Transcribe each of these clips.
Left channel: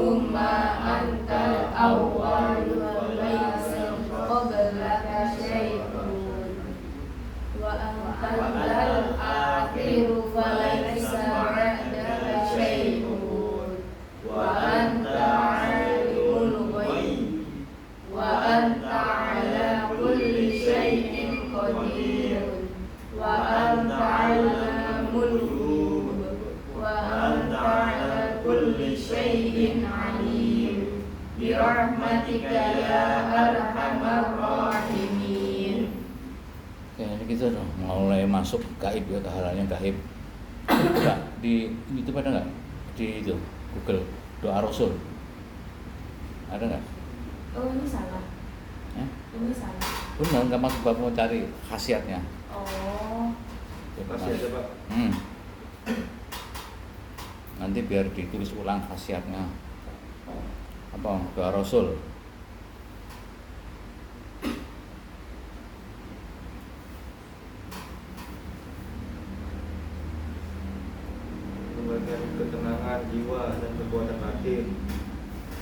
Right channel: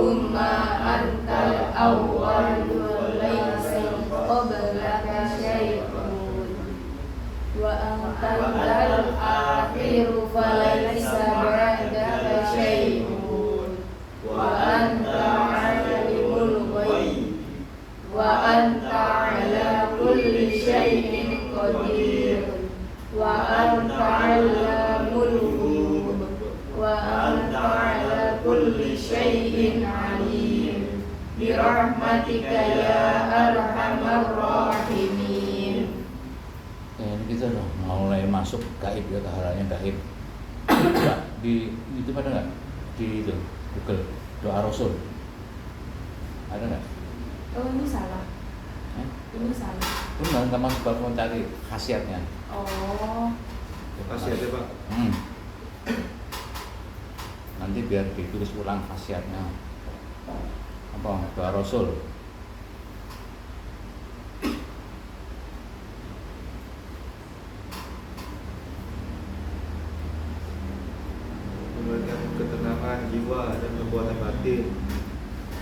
Allahumma antal awwalu walaysa qablaka syai'un wa antal akhiru falaysa ba'daka syai'un wa anta alimul ghaib wa anta ala kulli syai'in qadir wa anta alamul ghuyub wa anta ala kulli syai'in alim bi rahmatika ya arhamar rahimin. Ini kita mulai masuk gaib ya, hal-hal yang gaib. Di YouTube ada nggak? Di itu Google doa Rasul ada nggak? Oh ini salah. Ini salah. Itu nggak masuk bab mau cari khasiatnya. Oh. Khasiatnya Pak. Nanti biar ditulis ulang khasiatnya. Apa? Doa Rasul. Memberikan ketenangan jiwa dan kekuatan batin.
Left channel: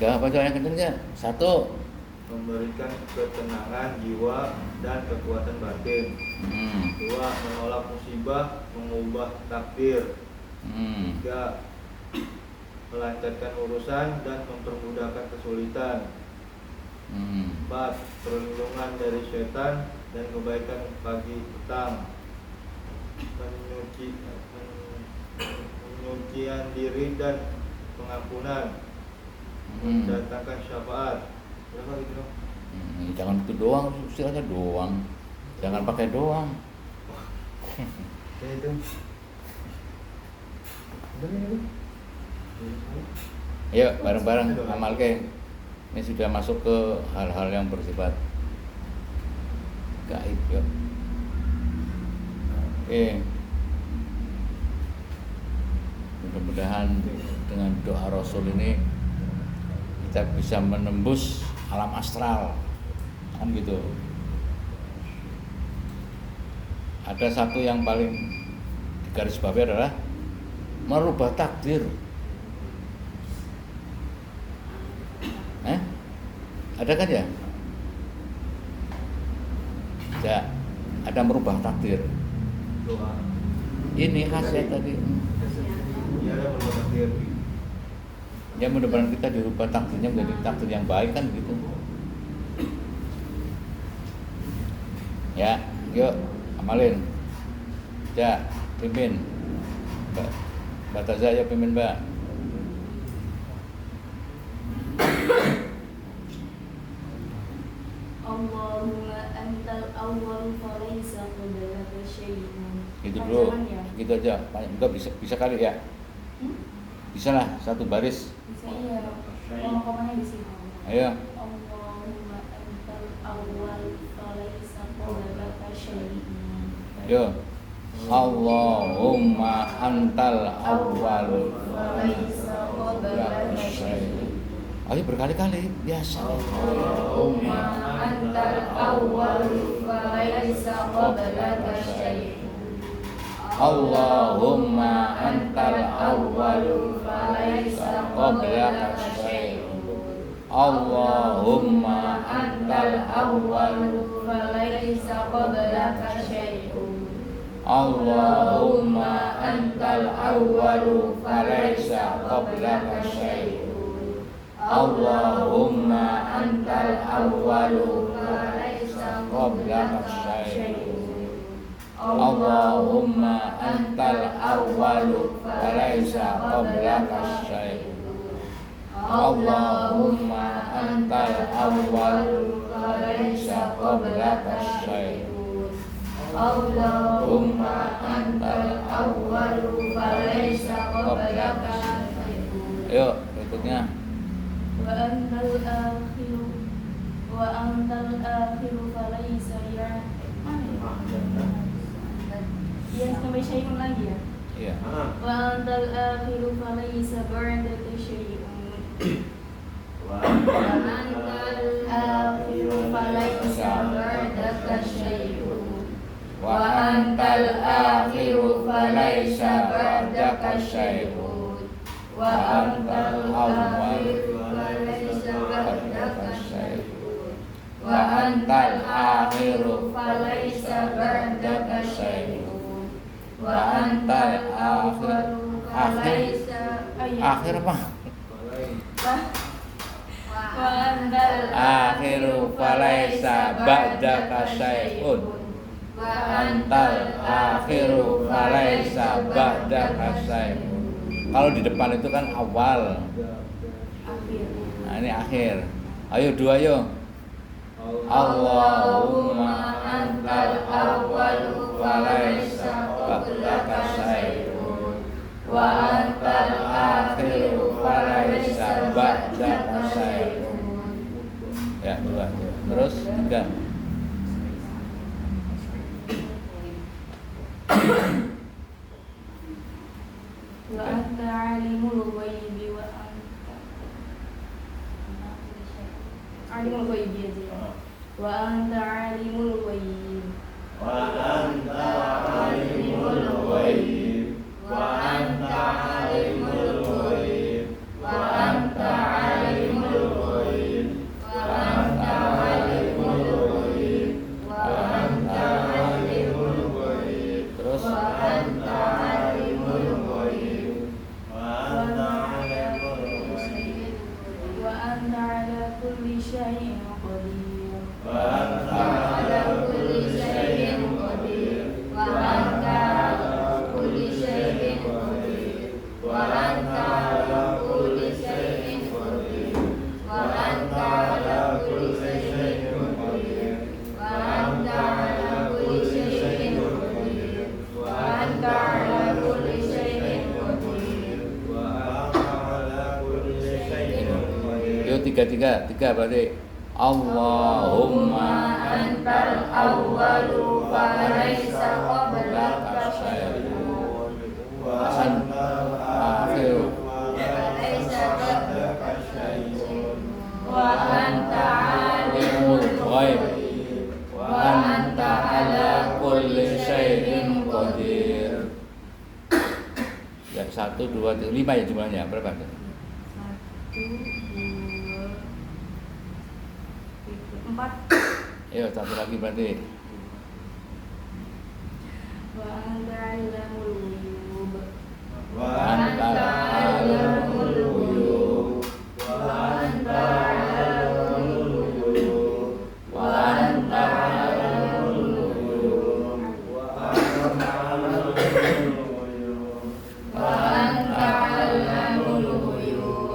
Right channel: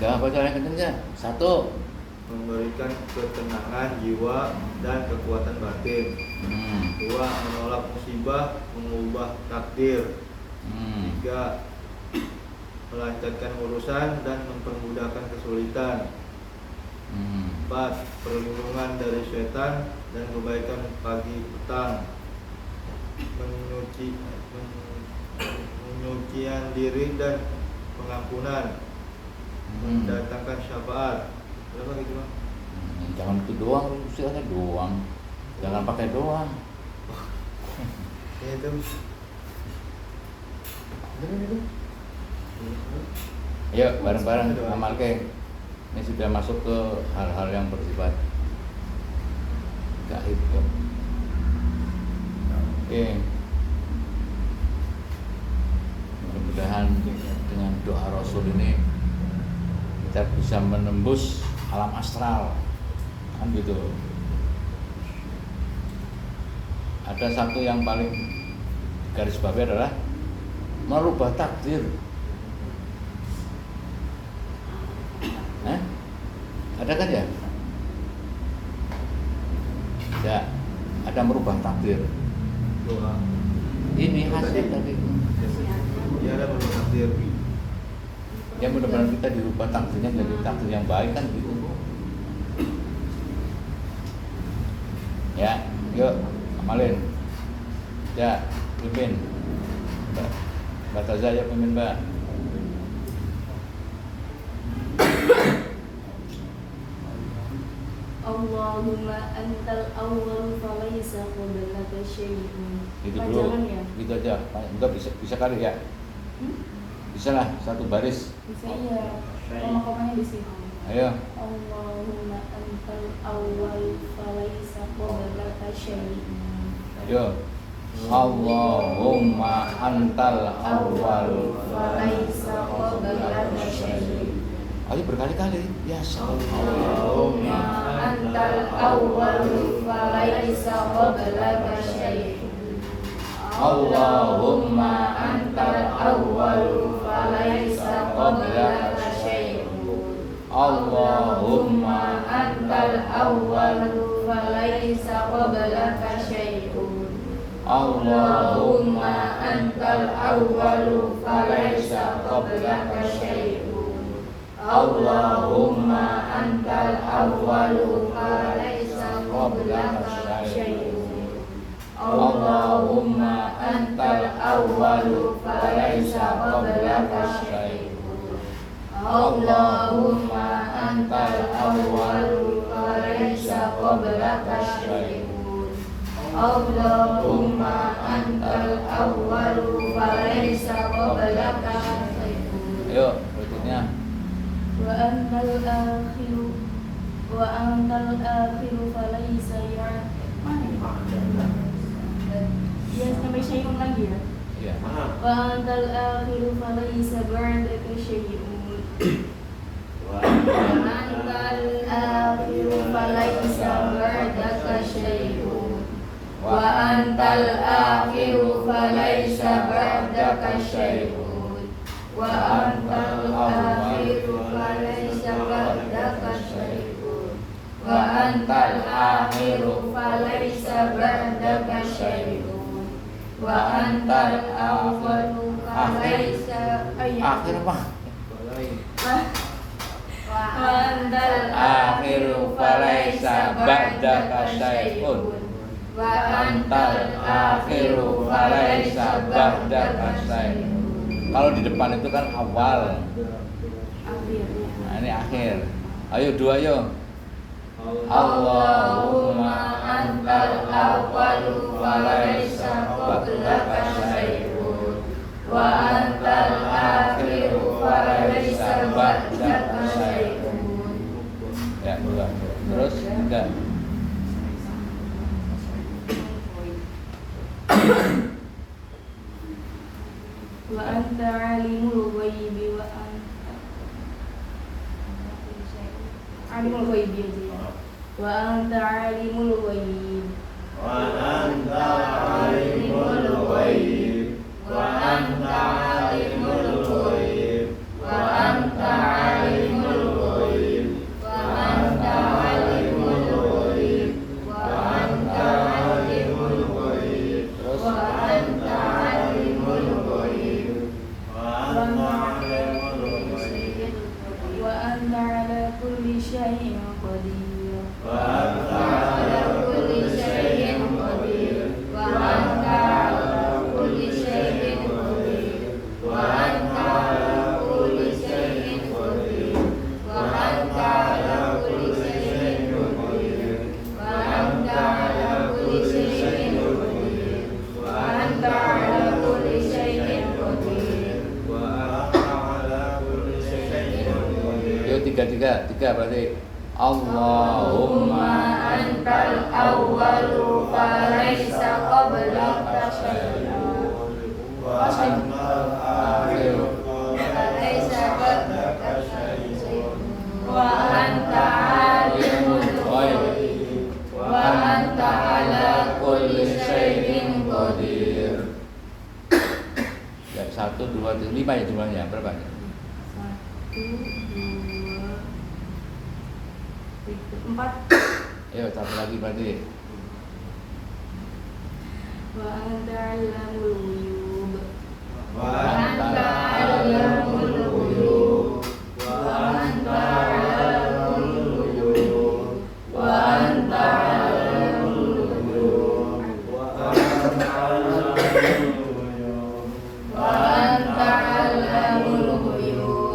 Ya, apa yang kencengnya? Satu. Memberikan ketenangan jiwa dan kekuatan batin. Dua, menolak musibah, mengubah takdir. Tiga, melancarkan urusan dan mempermudahkan kesulitan. Empat, perlindungan dari setan dan kebaikan pagi petang. Penyucian diri dan pengampunan. Mendatangkan syafaat. Berapa gitu Bang? Jangan itu doang, istilahnya doang. Jangan pakai doang. Ya itu. Yuk bareng-bareng amal ke. Ini sudah masuk ke hal-hal yang bersifat gaib ya. Mudah-mudahan dengan doa Rasul ini kita bisa menembus alam astral, kan gitu. Ada satu yang paling digarisbawahi adalah merubah takdir. Ada kan ya? Ya, ada merubah takdir. Doa. Ini hasil tadi. Ya ada merubah takdir. Ya mudah-mudahan kita dirubah takdirnya menjadi takdir yang baik kan gitu. Ya, yuk amalin. Ya, pimpin. Mbak Taza ya pimpin Mbak. Allahumma antal awwal falaysa qablaka syai'un. Gitu Panjangan bro, ya? gitu aja. Enggak bisa kali ya? Bisa lah, satu baris. Bisa iya. Koma-komanya di sini. Ayo. Allahumma antal awwal falaysa qablaka syai'un. Yo. Allahumma antal awwal falaysa qablaka syai'un. Ayo berkali-kali. Ya Allahumma antal awwal falaysa qablaka syai'un. Allahumma antal awwal falaysa qablaka syai'un. Allahumma antal awwal falaysa qablaka syai'un. Allahumma antal awwal falaysa qablaka syai'un. Allahumma antal awwalu falaysa qablaka syai'un. Allahumma antal awwalu falaysa qablaka syai'un. Allahumma antal awwalu falaysa qablaka syai'un. Allahumma antal awwalu falaysa qablaka syai'un. Ayo berikutnya. Wa antal akhiru falaysa mana ya? Sampai syai'un lagi ya? Iya. Wa antal akhiru falaysa ba'daka syai'un. Wa antal akhiru falaysa ba'daka syai'un. Wa antal akhiru falaysa ba'daka syai'un. Wa antal akhiru akhir apa? Balai. Wa antal Akhiru falaisa ba'daka syai'un. Wa antal Akhiru falaisa ba'daka syai'un. Kalau di depan itu kan awal. akhirnya. Nah, ini akhir. Ayo dua yo. Allahumma antal awwalu wa laisa qablaka syai'un wa antal akhiru wa laisa ba'daka syai'un. Ya, dua. Terus enggak. Wa anta alimul ghaibi wa anta alimul ghaibi aja ya. Wa anta alimul ghaib. Wa anta alimul ghaib. Wa anta alimul ghaib. Wa anta alimul ghaib. Wa anta alimul ghaib. Wa anta alimul ghaib. Terus Wa anta alimul ghaib. Wa anta alimul ghaib. Wa anta ala kulli syai'in qadir. Wa anta Ala kulli syai'in qadir. Wa anta ala kulli syai'in qadir. Wa anta ala kulli syai'in qadir. Wa anta ala kulli syai'in qadir. Wa anta ala kulli syai'in qadir. Wa anta ala kulli syai'in qadir. Wa anta ala kulli syai'in qadir. yo tiga berarti Allahumma antal awwalu falaisa qablaka syai'un Wa anta akhiru falaisa ba'daka syai'un wa anta alimul ghaib wa anta ala kulli syai'in qadir. ya 1 2 3 5 ya jumlahnya berapa? 1 2 3 4. Ayo satu lagi berarti Wa anta alamul ghuyub. Wa Wa anta alamul ghuyub. Wa anta alamul ghuyub. Wa anta alamul ghuyub. Wa anta Wa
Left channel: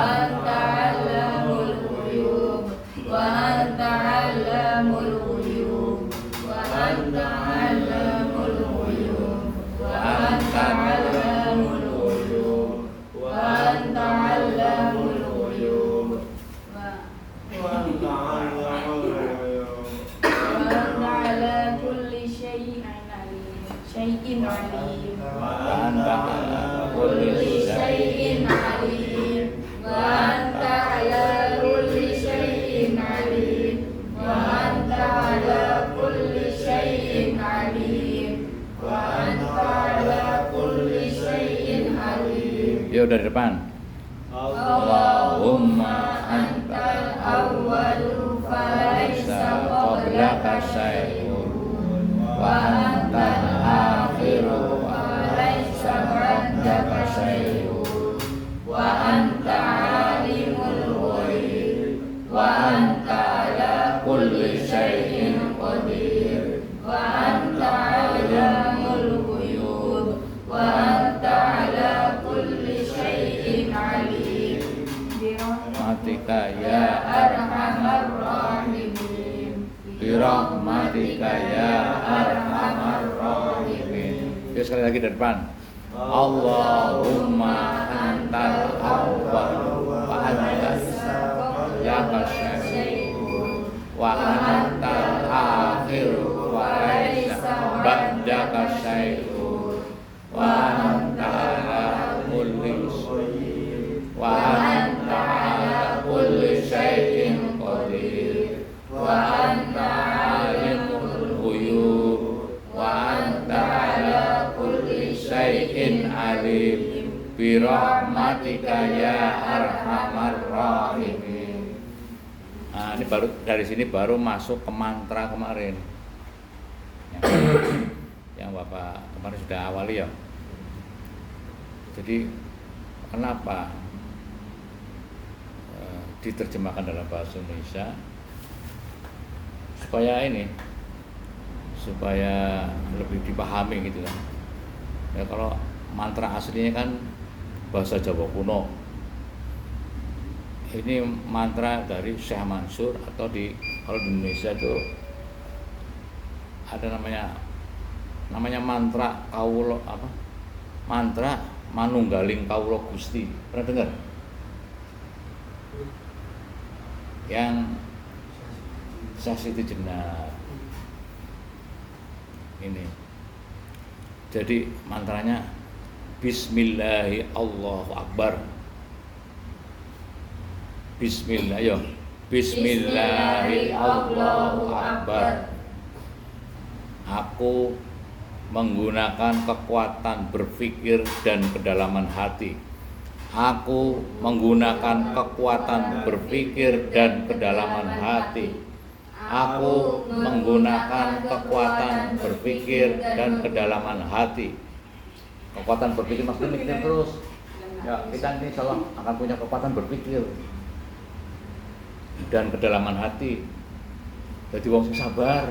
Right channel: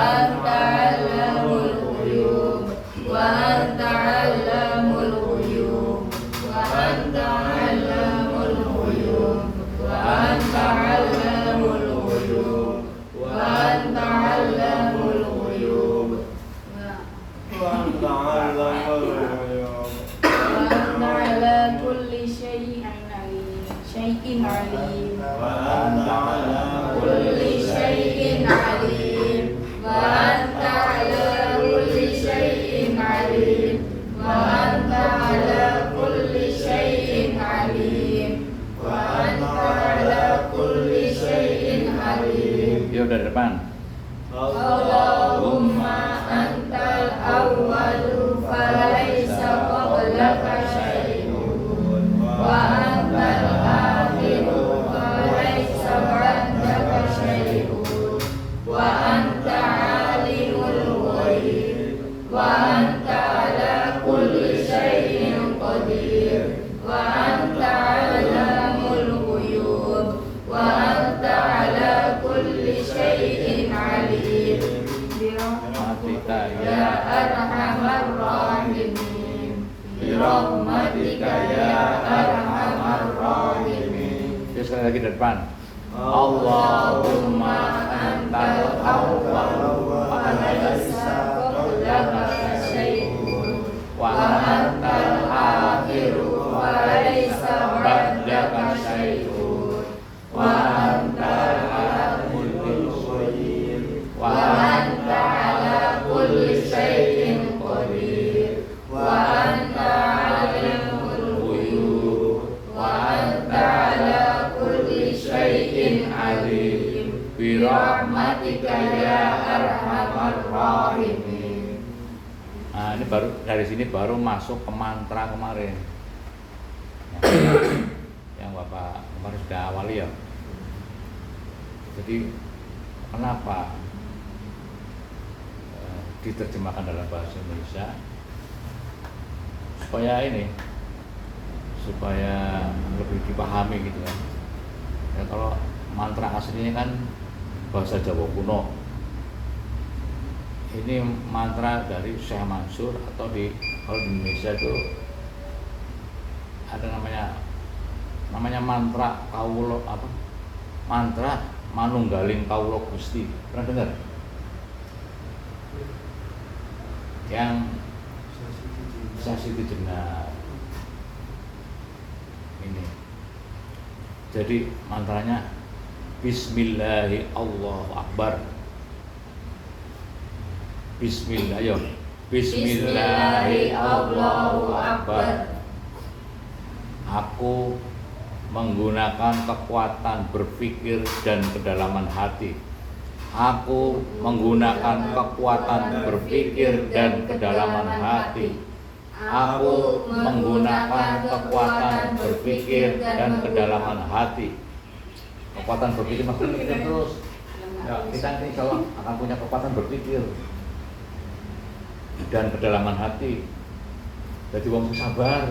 anta alamul ghuyub. Wa anta alamul ghuyub. Wa anta alamul ghuyub. Wa anta alamul ghuyub. Wa anta alamul ghuyub. Wa anta alamul ghuyub. wa anta ala kulli syai'in alim. Wa anta ala Kulli syai'in alim. Wa anta ala kulli syai'in alim. Wa anta ala kulli syai'in alim. Wa anta ala kulli syai'in alim. yo dari depan Allahumma antal awwalu falaisa qablaka syai'un wa antal akhiru falaisa ba'daka syai'un wa anta alimul ghaib wa anta ala kulli syai'in qadir wa anta alamul ghuyub wa anta ala kulli syai'in alim. Rahmatika Ya ya arhamar rahimin. Birahmatika ya arhamar rahimin. Yo sekali lagi dari depan Allahumma antal awwal wa antal syai'un wa antal akhiru wa laisa ba'daka syai'un wa anta ala kulli syai'in wa anta ala kulli syai'in qadir wa anta alimul ghuyub wa anta ala kulli syai'in alim bi rahmatika ya arhamar rahimin. Nah, ini baru dari sini baru masuk ke mantra kemarin. Yang Bapak kemarin sudah awali ya. Jadi kenapa diterjemahkan dalam bahasa Indonesia supaya lebih dipahami gitu kan. Ya kalau mantra aslinya kan bahasa Jawa kuno. Ini mantra dari Syekh Mansur atau kalau di Indonesia itu ada namanya mantra Kawula mantra Manunggaling Kawula Gusti. Pernah dengar? Yang Sasiti Jenar ini. Jadi mantranya Bismillahi Allahu Akbar. Bismillah, yo. Bismillahi Allahu Akbar. Aku menggunakan kekuatan berpikir dan kedalaman hati. Aku menggunakan kekuatan berpikir dan kedalaman hati. Aku menggunakan kekuatan berpikir dan kedalaman hati. Kekuatan berpikir maksudnya kita terus. Ya, kita nanti kalau akan punya kekuatan berpikir dan kedalaman hati. Jadi wong sabar,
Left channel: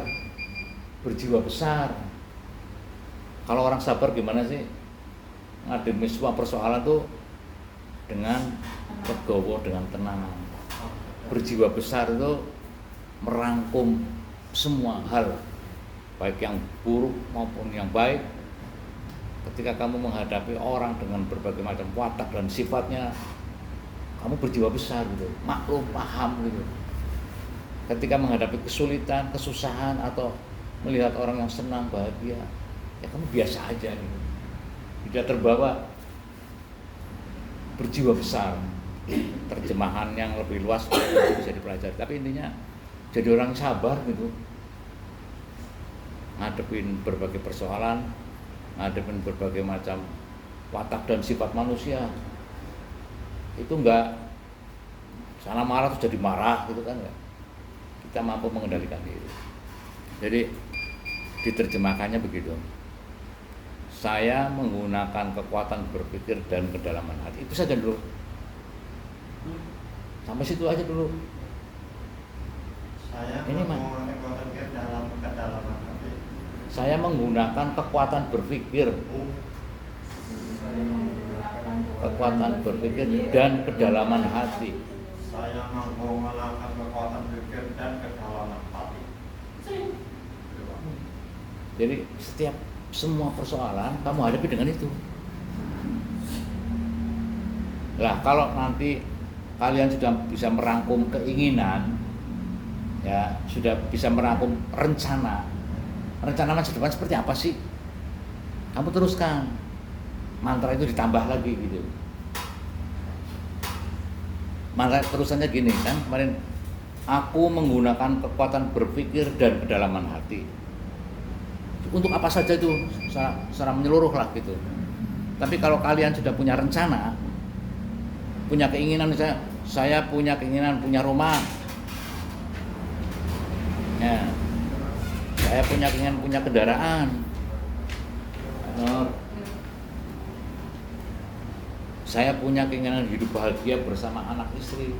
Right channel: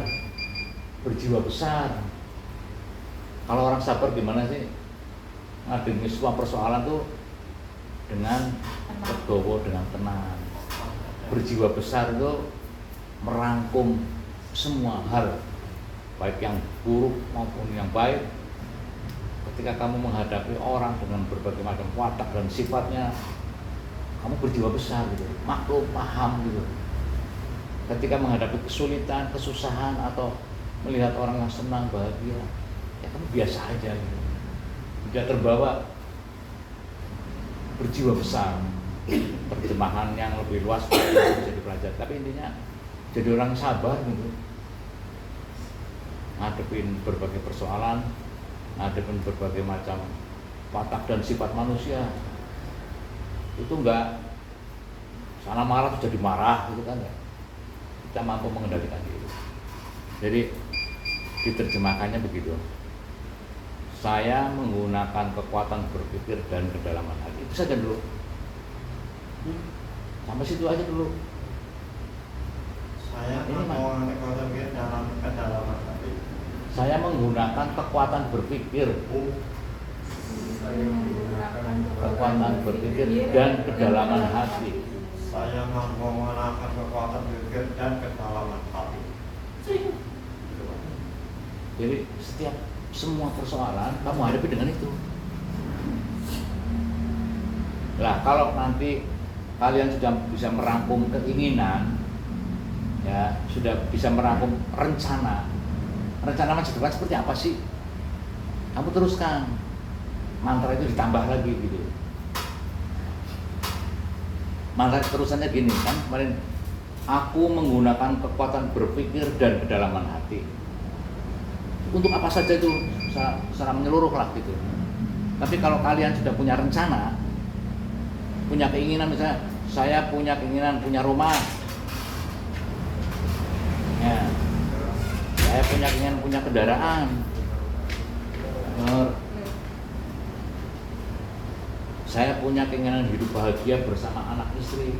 berjiwa besar. Kalau orang sabar gimana sih ngademin semua persoalan tuh dengan legowo, dengan tenang. Berjiwa besar itu merangkum semua hal, baik yang buruk maupun yang baik. Ketika kamu menghadapi orang dengan berbagai macam watak dan sifatnya, kamu berjiwa besar gitu, maklum, paham gitu. Ketika menghadapi kesulitan, kesusahan atau melihat orang yang senang, bahagia, ya kamu biasa aja gitu. Tidak terbawa, berjiwa besar. Terjemahan yang lebih luas bisa dipelajari. Tapi intinya jadi orang sabar gitu. Ngadepin berbagai persoalan, ngadepin berbagai macam watak dan sifat manusia. Itu enggak sana marah terus jadi marah gitu kan enggak. Kita mampu mengendalikan diri. Jadi diterjemahkannya begitu. Saya menggunakan kekuatan berpikir dan kedalaman hati. Itu saja dulu. Sampai situ aja dulu. Saya menggunakan kekuatan berpikir dalam kedalaman hati. Saya menggunakan kekuatan berpikir. Saya menggunakan Kekuatan berpikir dan kedalaman hati. Saya menggunakan kekuatan berpikir dan kedalaman hati. Jadi setiap semua persoalan kamu hadapi dengan itu. Lah kalau nanti kalian sudah bisa merangkum keinginan, ya sudah bisa merangkum rencana masa depan seperti apa sih? Kamu teruskan mantra itu, ditambah lagi gitu. Mantra terusannya gini kan kemarin, aku menggunakan kekuatan berpikir dan kedalaman hati. Untuk apa saja itu secara menyeluruh lah gitu. Tapi kalau kalian sudah punya rencana, punya keinginan, misalnya saya punya keinginan punya rumah, ya, saya punya keinginan punya kendaraan, saya punya keinginan hidup bahagia bersama anak istri,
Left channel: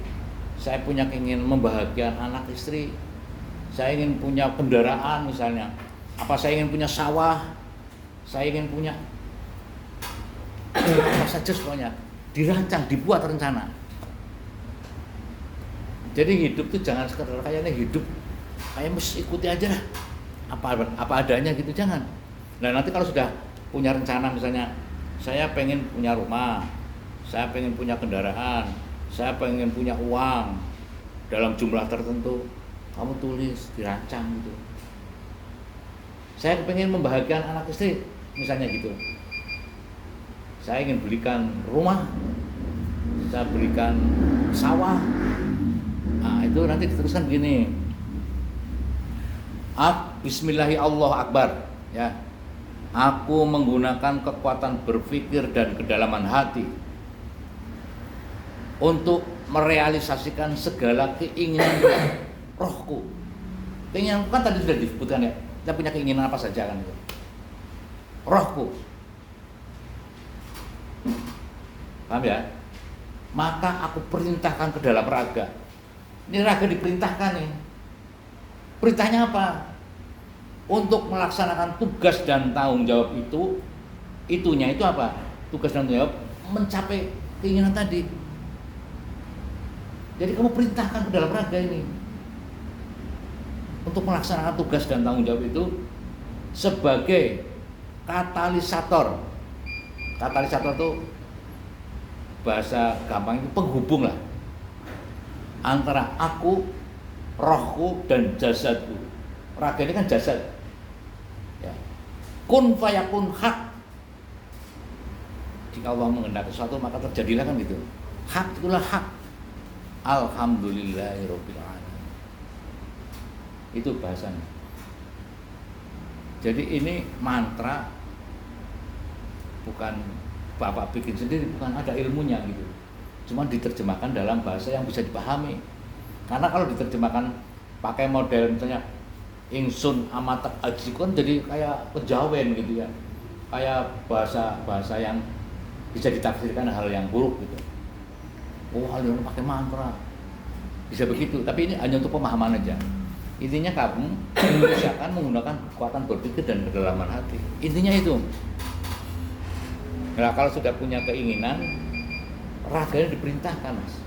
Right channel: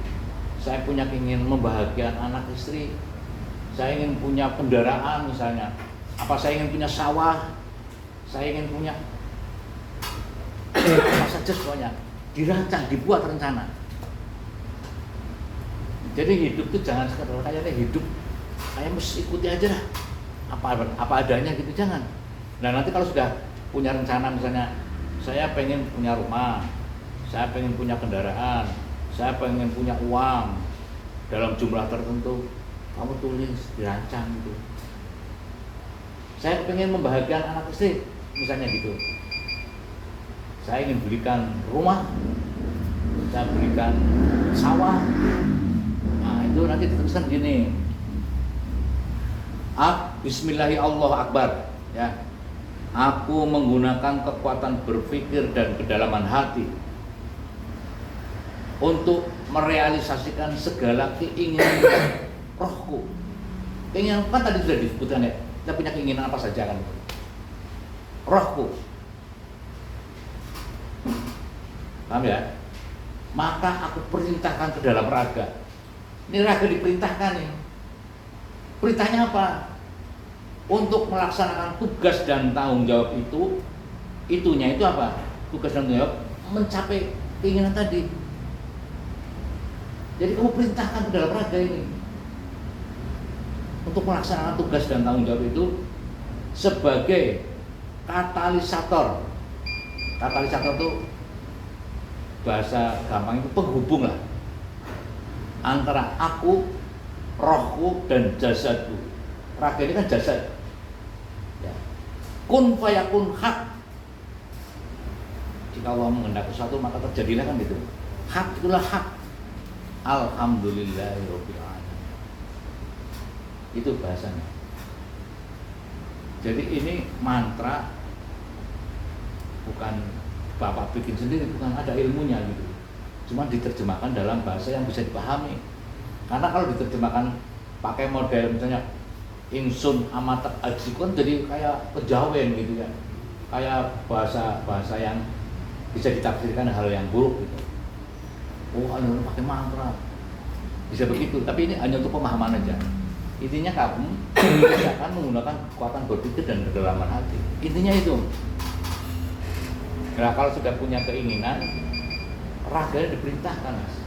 saya punya keinginan membahagiakan anak istri, saya ingin punya kendaraan misalnya, apa saya ingin punya sawah, saya ingin punya apa saja semuanya dirancang, dibuat rencana. Jadi hidup itu jangan sekedar kayaknya hidup kayak mesti ikuti aja lah apa adanya gitu, jangan. Nah nanti kalau sudah punya rencana, misalnya saya pengen punya rumah, saya pengen punya kendaraan, saya pengen punya uang dalam jumlah tertentu, kamu tulis, dirancang gitu. Saya pengen membahagiakan anak istri, misalnya gitu. Saya ingin belikan rumah, saya belikan sawah. Nah itu nanti dituliskan begini. Bismillahirrahmanirrahim, ya. Aku menggunakan kekuatan berpikir dan kedalaman hati untuk merealisasikan segala keinginan rohku. Keinginan kan tadi sudah disebutkan ya. Kita punya keinginan apa saja kan? Rohku. Paham ya? Maka aku perintahkan ke dalam raga. Ini raga diperintahkan nih. Perintahnya apa? Untuk melaksanakan tugas dan tanggung jawab itunya itu apa? Tugas dan tanggung jawab mencapai keinginan tadi. Jadi kamu perintahkan ke dalam raga ini untuk melaksanakan tugas dan tanggung jawab itu sebagai katalisator. Katalisator itu bahasa gampang itu penghubung lah antara aku, rohku dan jasadku. Raga ini kan jasad. Ya. Kun fayakun hak. Jika Allah menghendaki sesuatu maka terjadilah kan gitu. Hak itulah hak. Alhamdulillahirabbil alamin. Itu bahasanya. Jadi ini mantra bukan Bapak bikin sendiri, bukan, ada ilmunya gitu. Cuma diterjemahkan dalam bahasa yang bisa dipahami. Karena kalau diterjemahkan pakai model misalnya ingsun amatak ajikon jadi kayak kejawen gitu ya. Kayak bahasa yang bisa ditafsirkan hal yang buruk gitu. Oh, ini pakai mantra. Bisa begitu, tapi ini hanya untuk pemahaman aja. Intinya kamu akan menggunakan kekuatan berpikir dan kedalaman hati. Intinya itu. Nah, kalau sudah punya keinginan, raganya diperintahkan, Mas.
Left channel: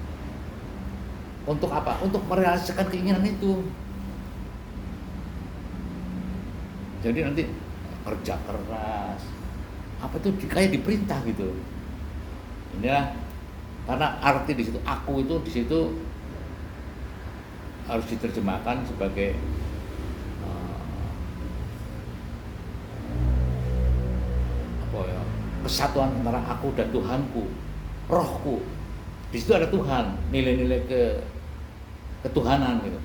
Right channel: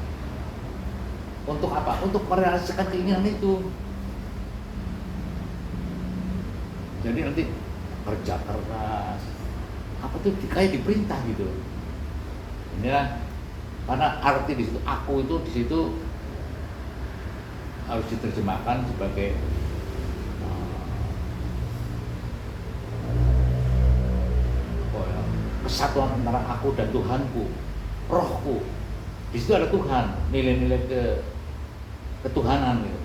Untuk apa? Untuk merealisasikan keinginan itu. Jadi nanti kerja keras, apa tuh kayak diperintah gitu. Ya, karena arti di situ aku itu di situ harus diterjemahkan sebagai kesatuan antara aku dan Tuhanku, rohku. Di situ ada Tuhan, nilai-nilai ketuhanan gitu.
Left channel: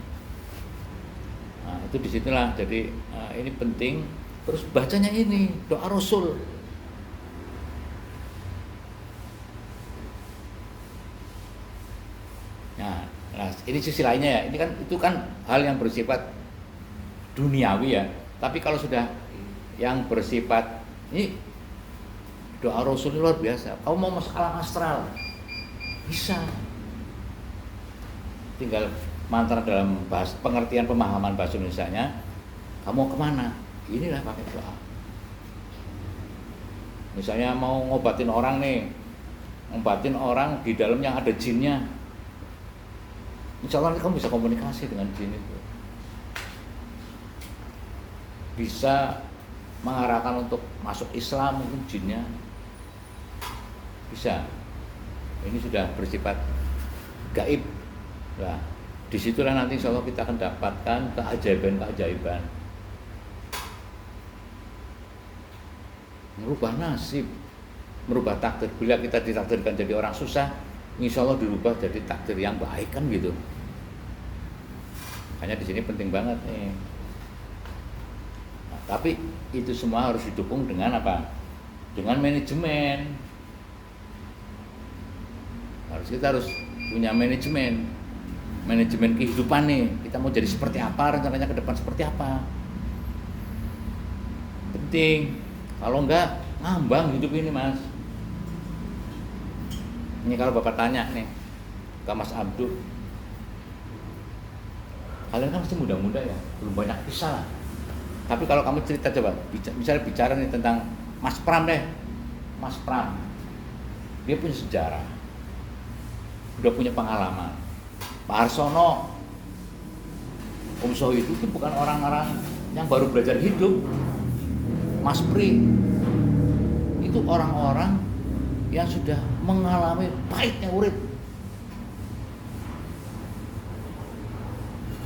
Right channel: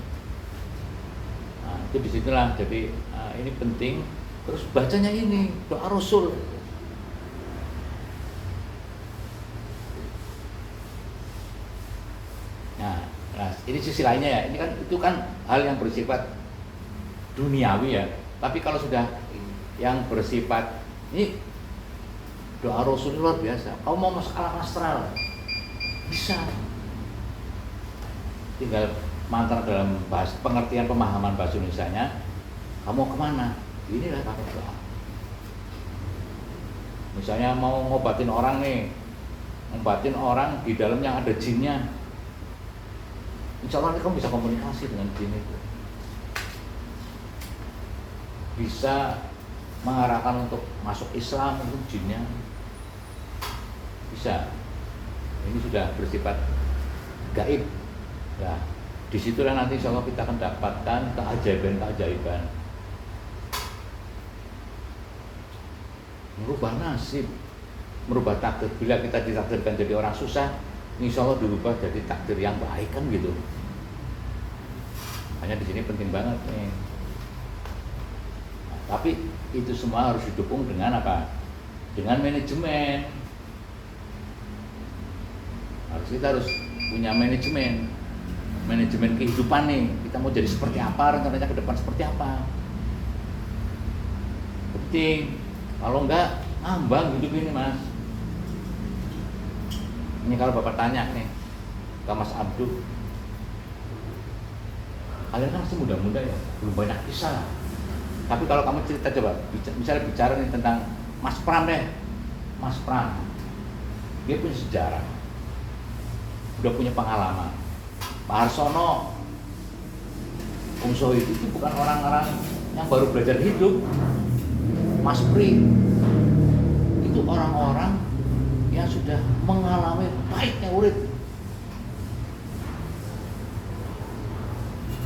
Nah, itu disitulah. Jadi ini penting. Terus bacanya ini doa Rasul. Nah, ini sisi lainnya ya. Ini kan itu kan hal yang bersifat duniawi ya. Tapi kalau sudah yang bersifat ini doa Rasul luar biasa. Kau mau masuk alam astral bisa. Tinggal mantra dalam pengertian pemahaman bahasa Indonesianya. Kamu kemana? Inilah pakai doa. Misalnya mau ngobatin orang nih, ngobatin orang di dalamnya ada jinnya. Insya Allah kamu bisa komunikasi dengan jin itu. Bisa mengarahkan untuk masuk Islam itu jinnya. Bisa. Ini sudah bersifat gaib. Nah, disitulah nanti insya Allah kita akan dapatkan keajaiban-keajaiban. Merubah nasib, merubah takdir. Bila kita ditakdirkan jadi orang susah, insya Allah dirubah jadi takdir yang baik kan gitu. Hanya di sini penting banget nih. Tapi itu semua harus didukung dengan apa? Dengan manajemen. Kita harus punya manajemen kehidupan nih. Kita mau jadi seperti apa, rencananya ke depan seperti apa. Penting. Kalau enggak, ngambang hidup ini, Mas. Ini kalau Bapak tanya nih ke Mas Abdul, kalian kan masih muda-muda ya, belum banyak kisah. Tapi kalau kamu cerita coba, misalnya bicara nih tentang Mas Pram deh. Mas Pram, dia punya sejarah, udah punya pengalaman. Pak Harsono, Om Sohid itu bukan orang-orang yang baru belajar hidup. Mas Pri itu orang-orang yang sudah mengalami pahitnya urip.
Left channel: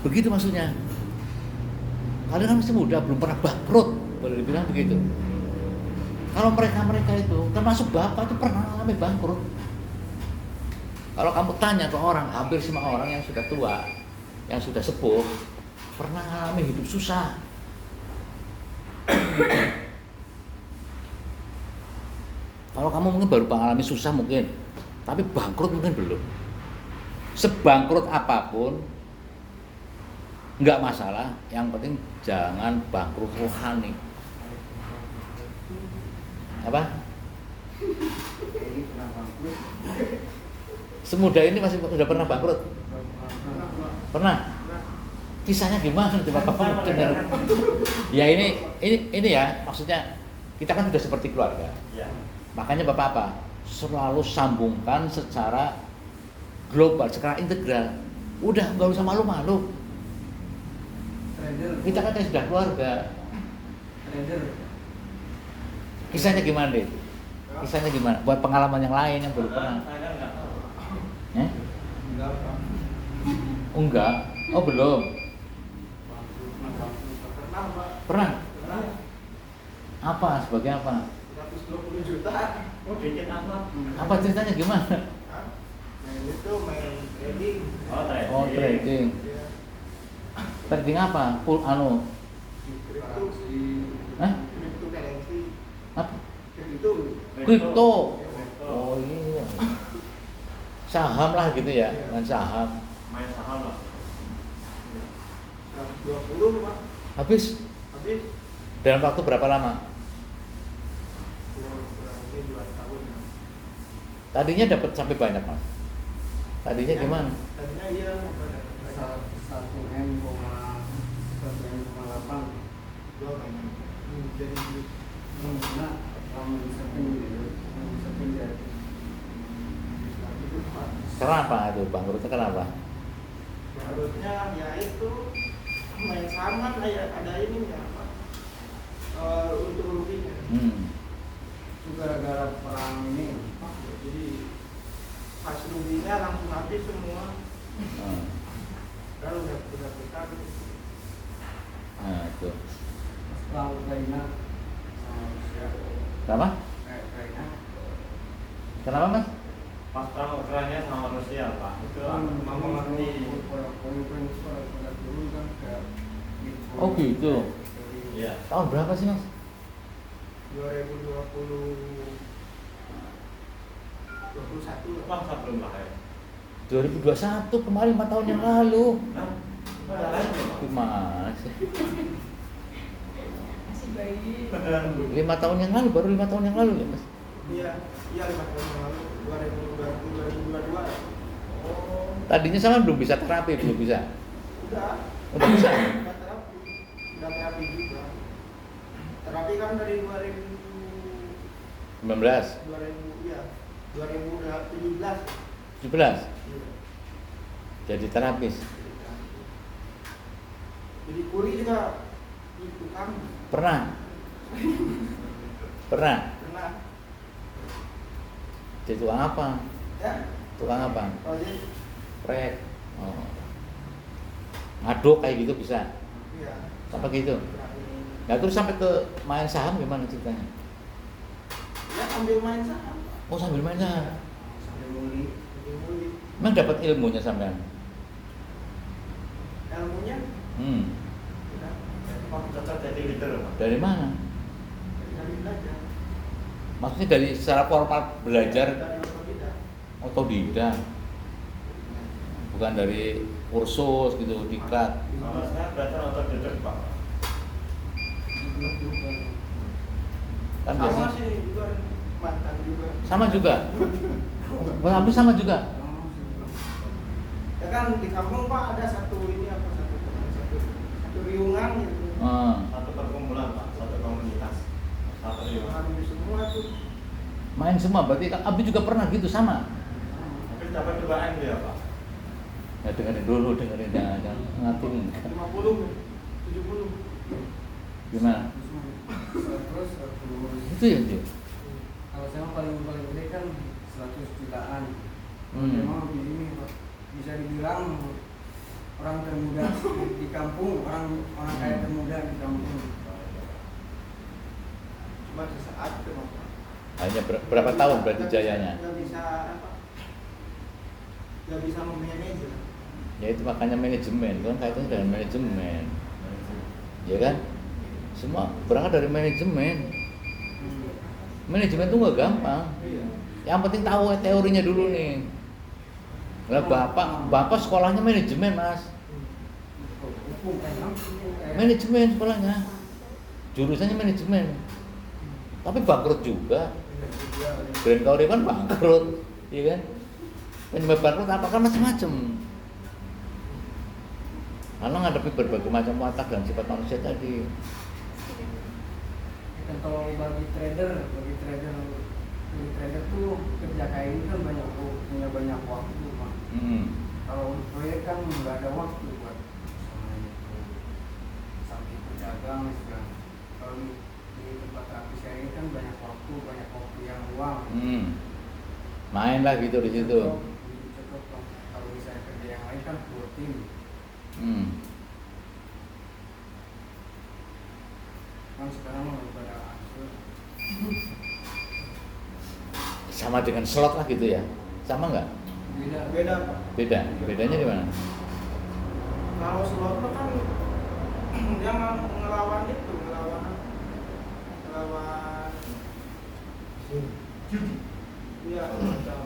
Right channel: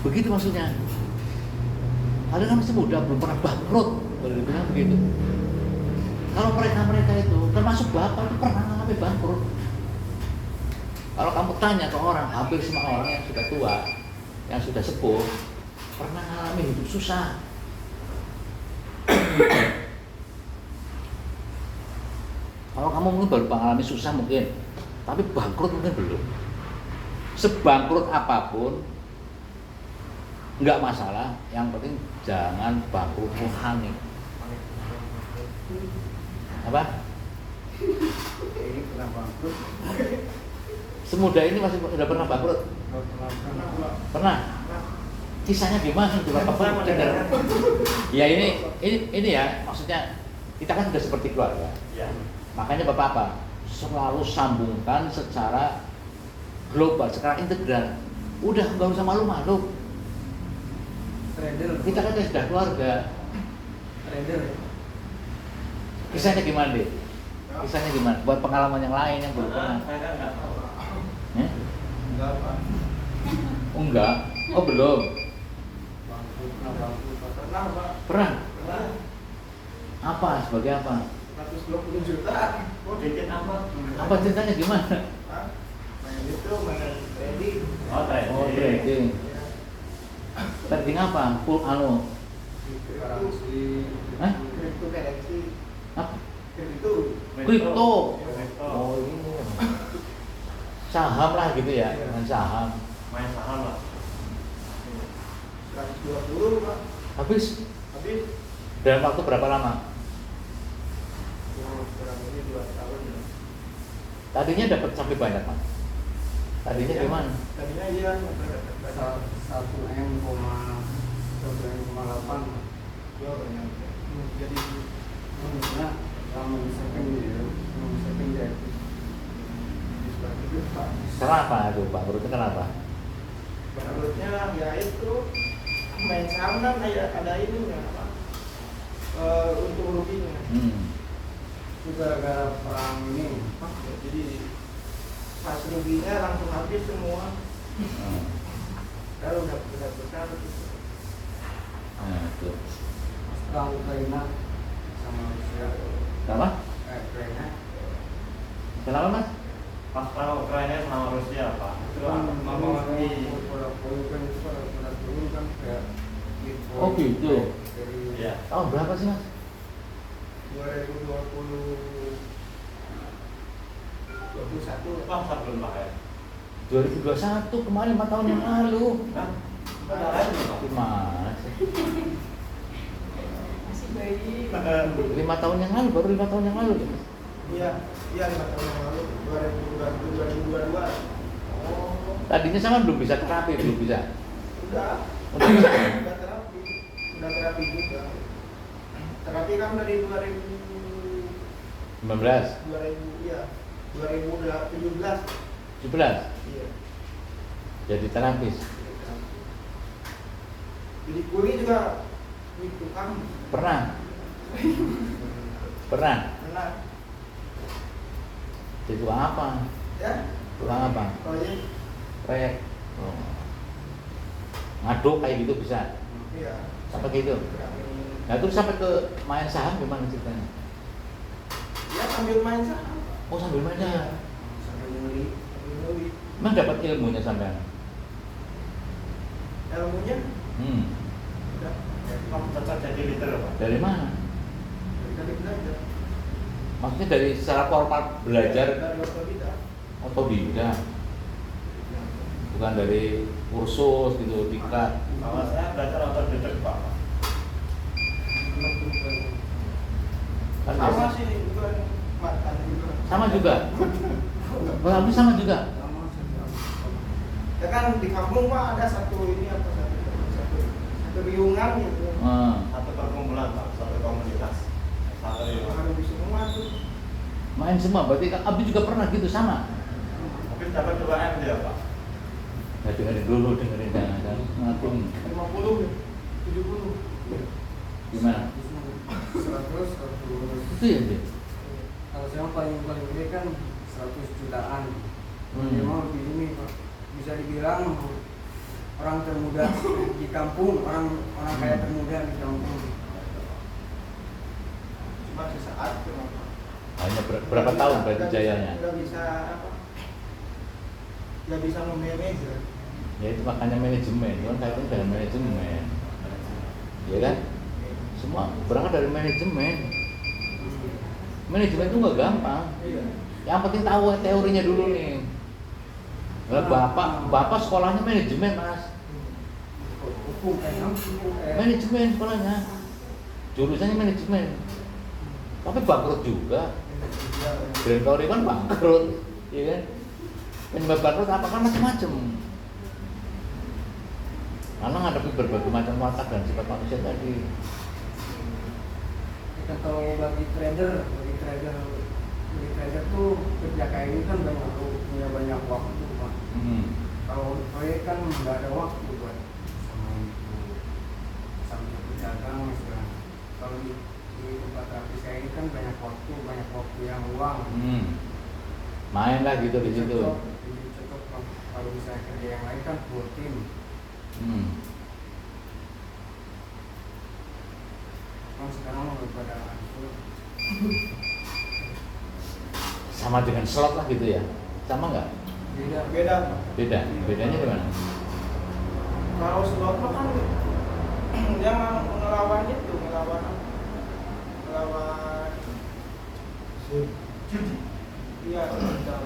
Begitu maksudnya. Kalian kan masih muda, belum pernah bangkrut, boleh dibilang begitu. Kalau mereka itu termasuk bapak itu pernah mengalami bangkrut. Kalau kamu tanya ke orang, hampir semua orang yang sudah tua, yang sudah sepuh, pernah mengalami hidup susah. Kalau kamu mungkin baru mengalami susah mungkin, tapi bangkrut mungkin belum. Sebangkrut apapun, nggak masalah. Yang penting jangan bangkrut rohani. Apa? Ini kenapa bangkrut. Semudah ini masih udah pernah bangkrut? Pernah? Kisahnya gimana tuh Bapak? Ya ini ya, maksudnya kita kan sudah seperti keluarga. Ya. Makanya Bapak apa? Selalu sambungkan secara global, secara integral. Udah nggak usah malu-malu. Trader. Kita kan sudah keluarga. Trader. Kisahnya gimana deh? Kisahnya gimana? Buat pengalaman yang lain yang belum pernah. Eh? Enggak Pak. Oh, enggak? Oh belum? Bangkrut pernah Pak. Pernah? Pernah. Apa? Sebagai apa? 120 juta. Oh, dikit amat. Apa ceritanya gimana? Main itu main trading. Oh trading. Trading apa? Full Cryptocurrency. Hah? Cryptocurrency. Apa? Kripto. Kripto. Oh iya. Saham lah gitu ya, dengan saham. Main saham lah. 120 Pak. Habis Habis dalam waktu berapa lama? kurang lebih 2 tahun. Tadinya dapat sampai banyak Mas. Tadinya gimana? Tadinya iya 1 M, 1,8. Jadi nah, kalau bisa pindah. Kenapa itu bangkrut? Kenapa? Menurutnya ya itu main saham kan ada ini ya apa? Untuk ruginya. Itu gara-gara perang ini. Jadi pas ruginya langsung habis semua. Kalau udah besar Nah itu. perang Ukraina sama Rusia. Kenapa? Ukraina. Kenapa Mas? Pas perang Ukraina sama Rusia, Pak. Itu mempengaruhi. Oh gitu. Iya. Tahun berapa sih Mas? 2021. Wah, sebelum Pak ya. 2021 kemarin 5 tahun yang lalu. Nah, ada lagi, Pak. Gimana sih? Masih bayi. 5 tahun yang lalu, baru 5 tahun yang lalu ya Mas? Iya, 5 tahun yang lalu 2022. Oh, Tadinya sama belum bisa terapi, belum bisa. udah. Udah bisa. Udah terapi juga. Terapi kan dari 19, 2017. 17. Iya. Jadi terapis. Jadi kuli juga di tukang. Pernah? Pernah? Pernah. Jadi tukang apa? Ya, Tukang apa? proyek. Proyek. Oh. Ngaduk kayak gitu bisa. Iya. Sampai gitu. Nah terus sampai ke main saham gimana ceritanya? Ya sambil main saham. Oh sambil main saham. Sambil nguli. Emang dapat ilmunya sampean? Ilmunya udah Pak, cocok jadi leader, Pak. Dari mana? dari belajar. Maksudnya dari secara formal belajar Dari otodidak. otodidak, bukan dari kursus gitu, dikat. Kalau saya belajar otodidak, Pak. Kan Sama biasanya- sih juga mantan juga. sama juga. Berarti sama juga. Ya kan di kampung Pak ada satu ini apa satu biungan gitu. Satu perkumpulan, Pak. Satu komunitas. Satu lima. Ada di semua tuh. Main semua, berarti Abi juga pernah gitu sama. Mungkin dapat 2 M dia, Pak. Ya dengerin dulu, dengerin ada nanti 50, 70. gimana? 100. Itu ya dia. Kalau saya paling gede kan 100 jutaan. Memang lebih ini Pak. Bisa dibilang orang termuda di kampung, orang kaya termuda di kampung. Cuma sesaat kenapa? Hanya berapa tahun berarti jayanya? Nggak bisa apa? Nggak bisa memanage. Ya itu makanya manajemen, itu kan kaitannya dengan manajemen, ya kan? Semua berangkat dari manajemen. Manajemen itu nggak gampang. Yang penting tahu teorinya dulu nih. Nah, bapak sekolahnya manajemen Mas. Manajemen sekolahnya, jurusannya manajemen. Tapi bangkrut juga. Grand Korea kan bangkrut, iya kan? Penyebab bangkrut apa kan macam-macam. Karena menghadapi berbagai macam watak dan sifat manusia tadi. Kalau bagi trader tuh kerja kayak ini kan punya banyak waktu, Pak. Kalau proyek kan nggak ada waktu buat sama itu sambil berdagang misalnya. Kalau di tempat artis kayak ini kan banyak waktu yang luang. Main lah gitu di situ. Cocok Pak. Kalau misalnya kerja yang lain kan full tim. Kan sekarang udah pada hancur. Sama dengan slot lah gitu ya? Sama nggak? Beda Pak. Beda. Bedanya di mana? Kalau slot kan dia ngelawan iya macam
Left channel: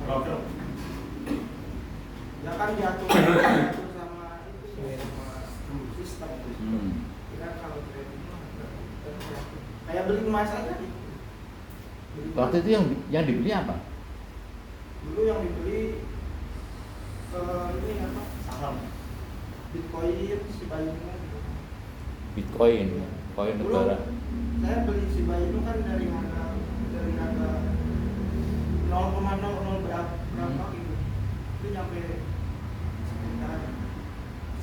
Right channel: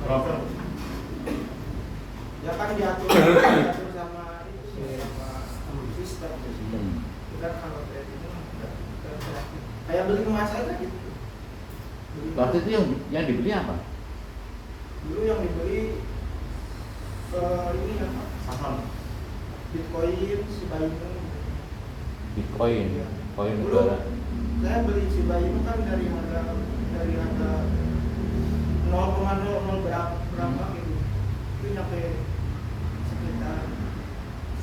Broker. ya kan diatur sama itu sama sistem. Kita kalau trading kayak beli emas aja gitu. Waktu itu yang dibeli apa? Dulu yang dibeli ini apa? Saham. Bitcoin, Shiba Inu. Bitcoin, koin Dulu negara. saya beli Shiba Inu kan dari harga 0,00 berapa gitu. Itu nyampe sekitar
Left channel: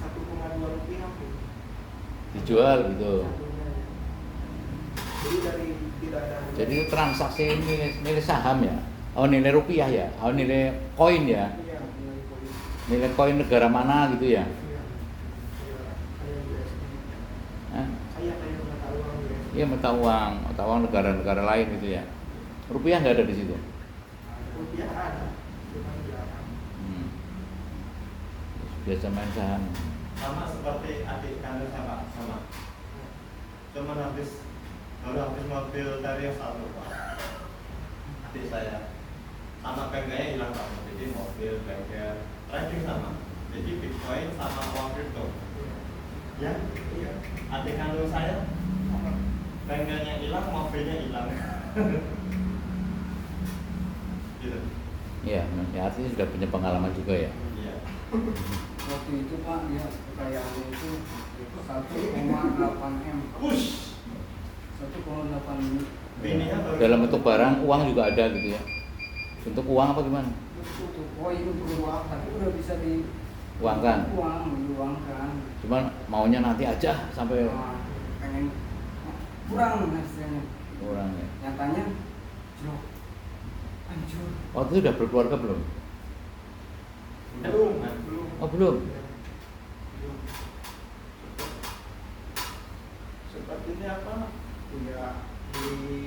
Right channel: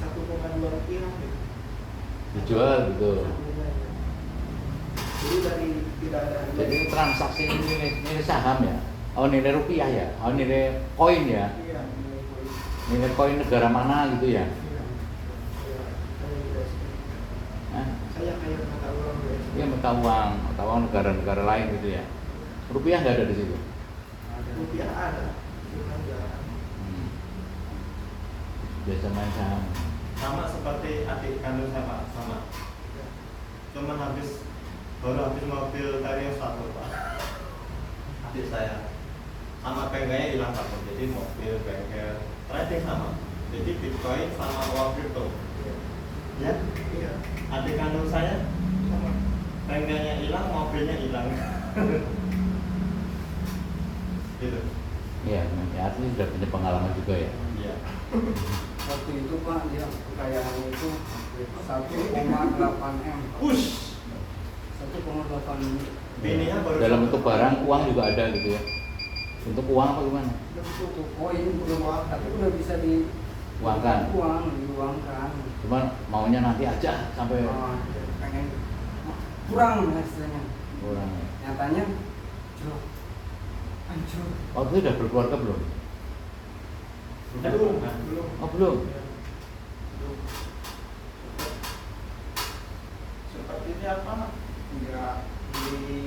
1,2 rupiah gitu. Dijual gitu. Jadi dari tidak ada Jadi itu transaksi nilai saham ya? Oh nilai rupiah ya? Oh nilai koin ya? iya, nilai koin. Nilai koin negara mana gitu ya? Iya. Kayak US. Hah? Saya kayak mata uang US. Iya mata uang negara-negara lain gitu ya? Rupiah nggak ada di situ? Rupiah ada, cuma jarang. Biasa main saham. Sama seperti adik kandung sama. Cuman baru habis mobil dari satu Pak. Adik saya sama bengkelnya hilang Pak. Jadi mobil, bengkel, trading sama. Jadi Bitcoin sama uang kripto. Ya, Iya, adik kandung saya sama. bengkelnya hilang, mobilnya hilang. Gitu. Iya, ya artinya sudah punya pengalaman juga ya. Iya. Waktu itu Pak, dia kekayaannya itu 1,8 M. Push. 1,8 M. Bininya baru Dalam bentuk barang, uang juga ada gitu ya. Bentuk uang apa gimana? Bentuk koin uang, tapi udah bisa Uangkan. diuangkan. Cuman maunya nanti aja sampai Pengen kurang hasilnya. kurang ya. Nyatanya, jauh hancur. Waktu itu udah berkeluarga belum? Belum. Oh belum? Ya, belum. Seperti ini apa? Ya, ini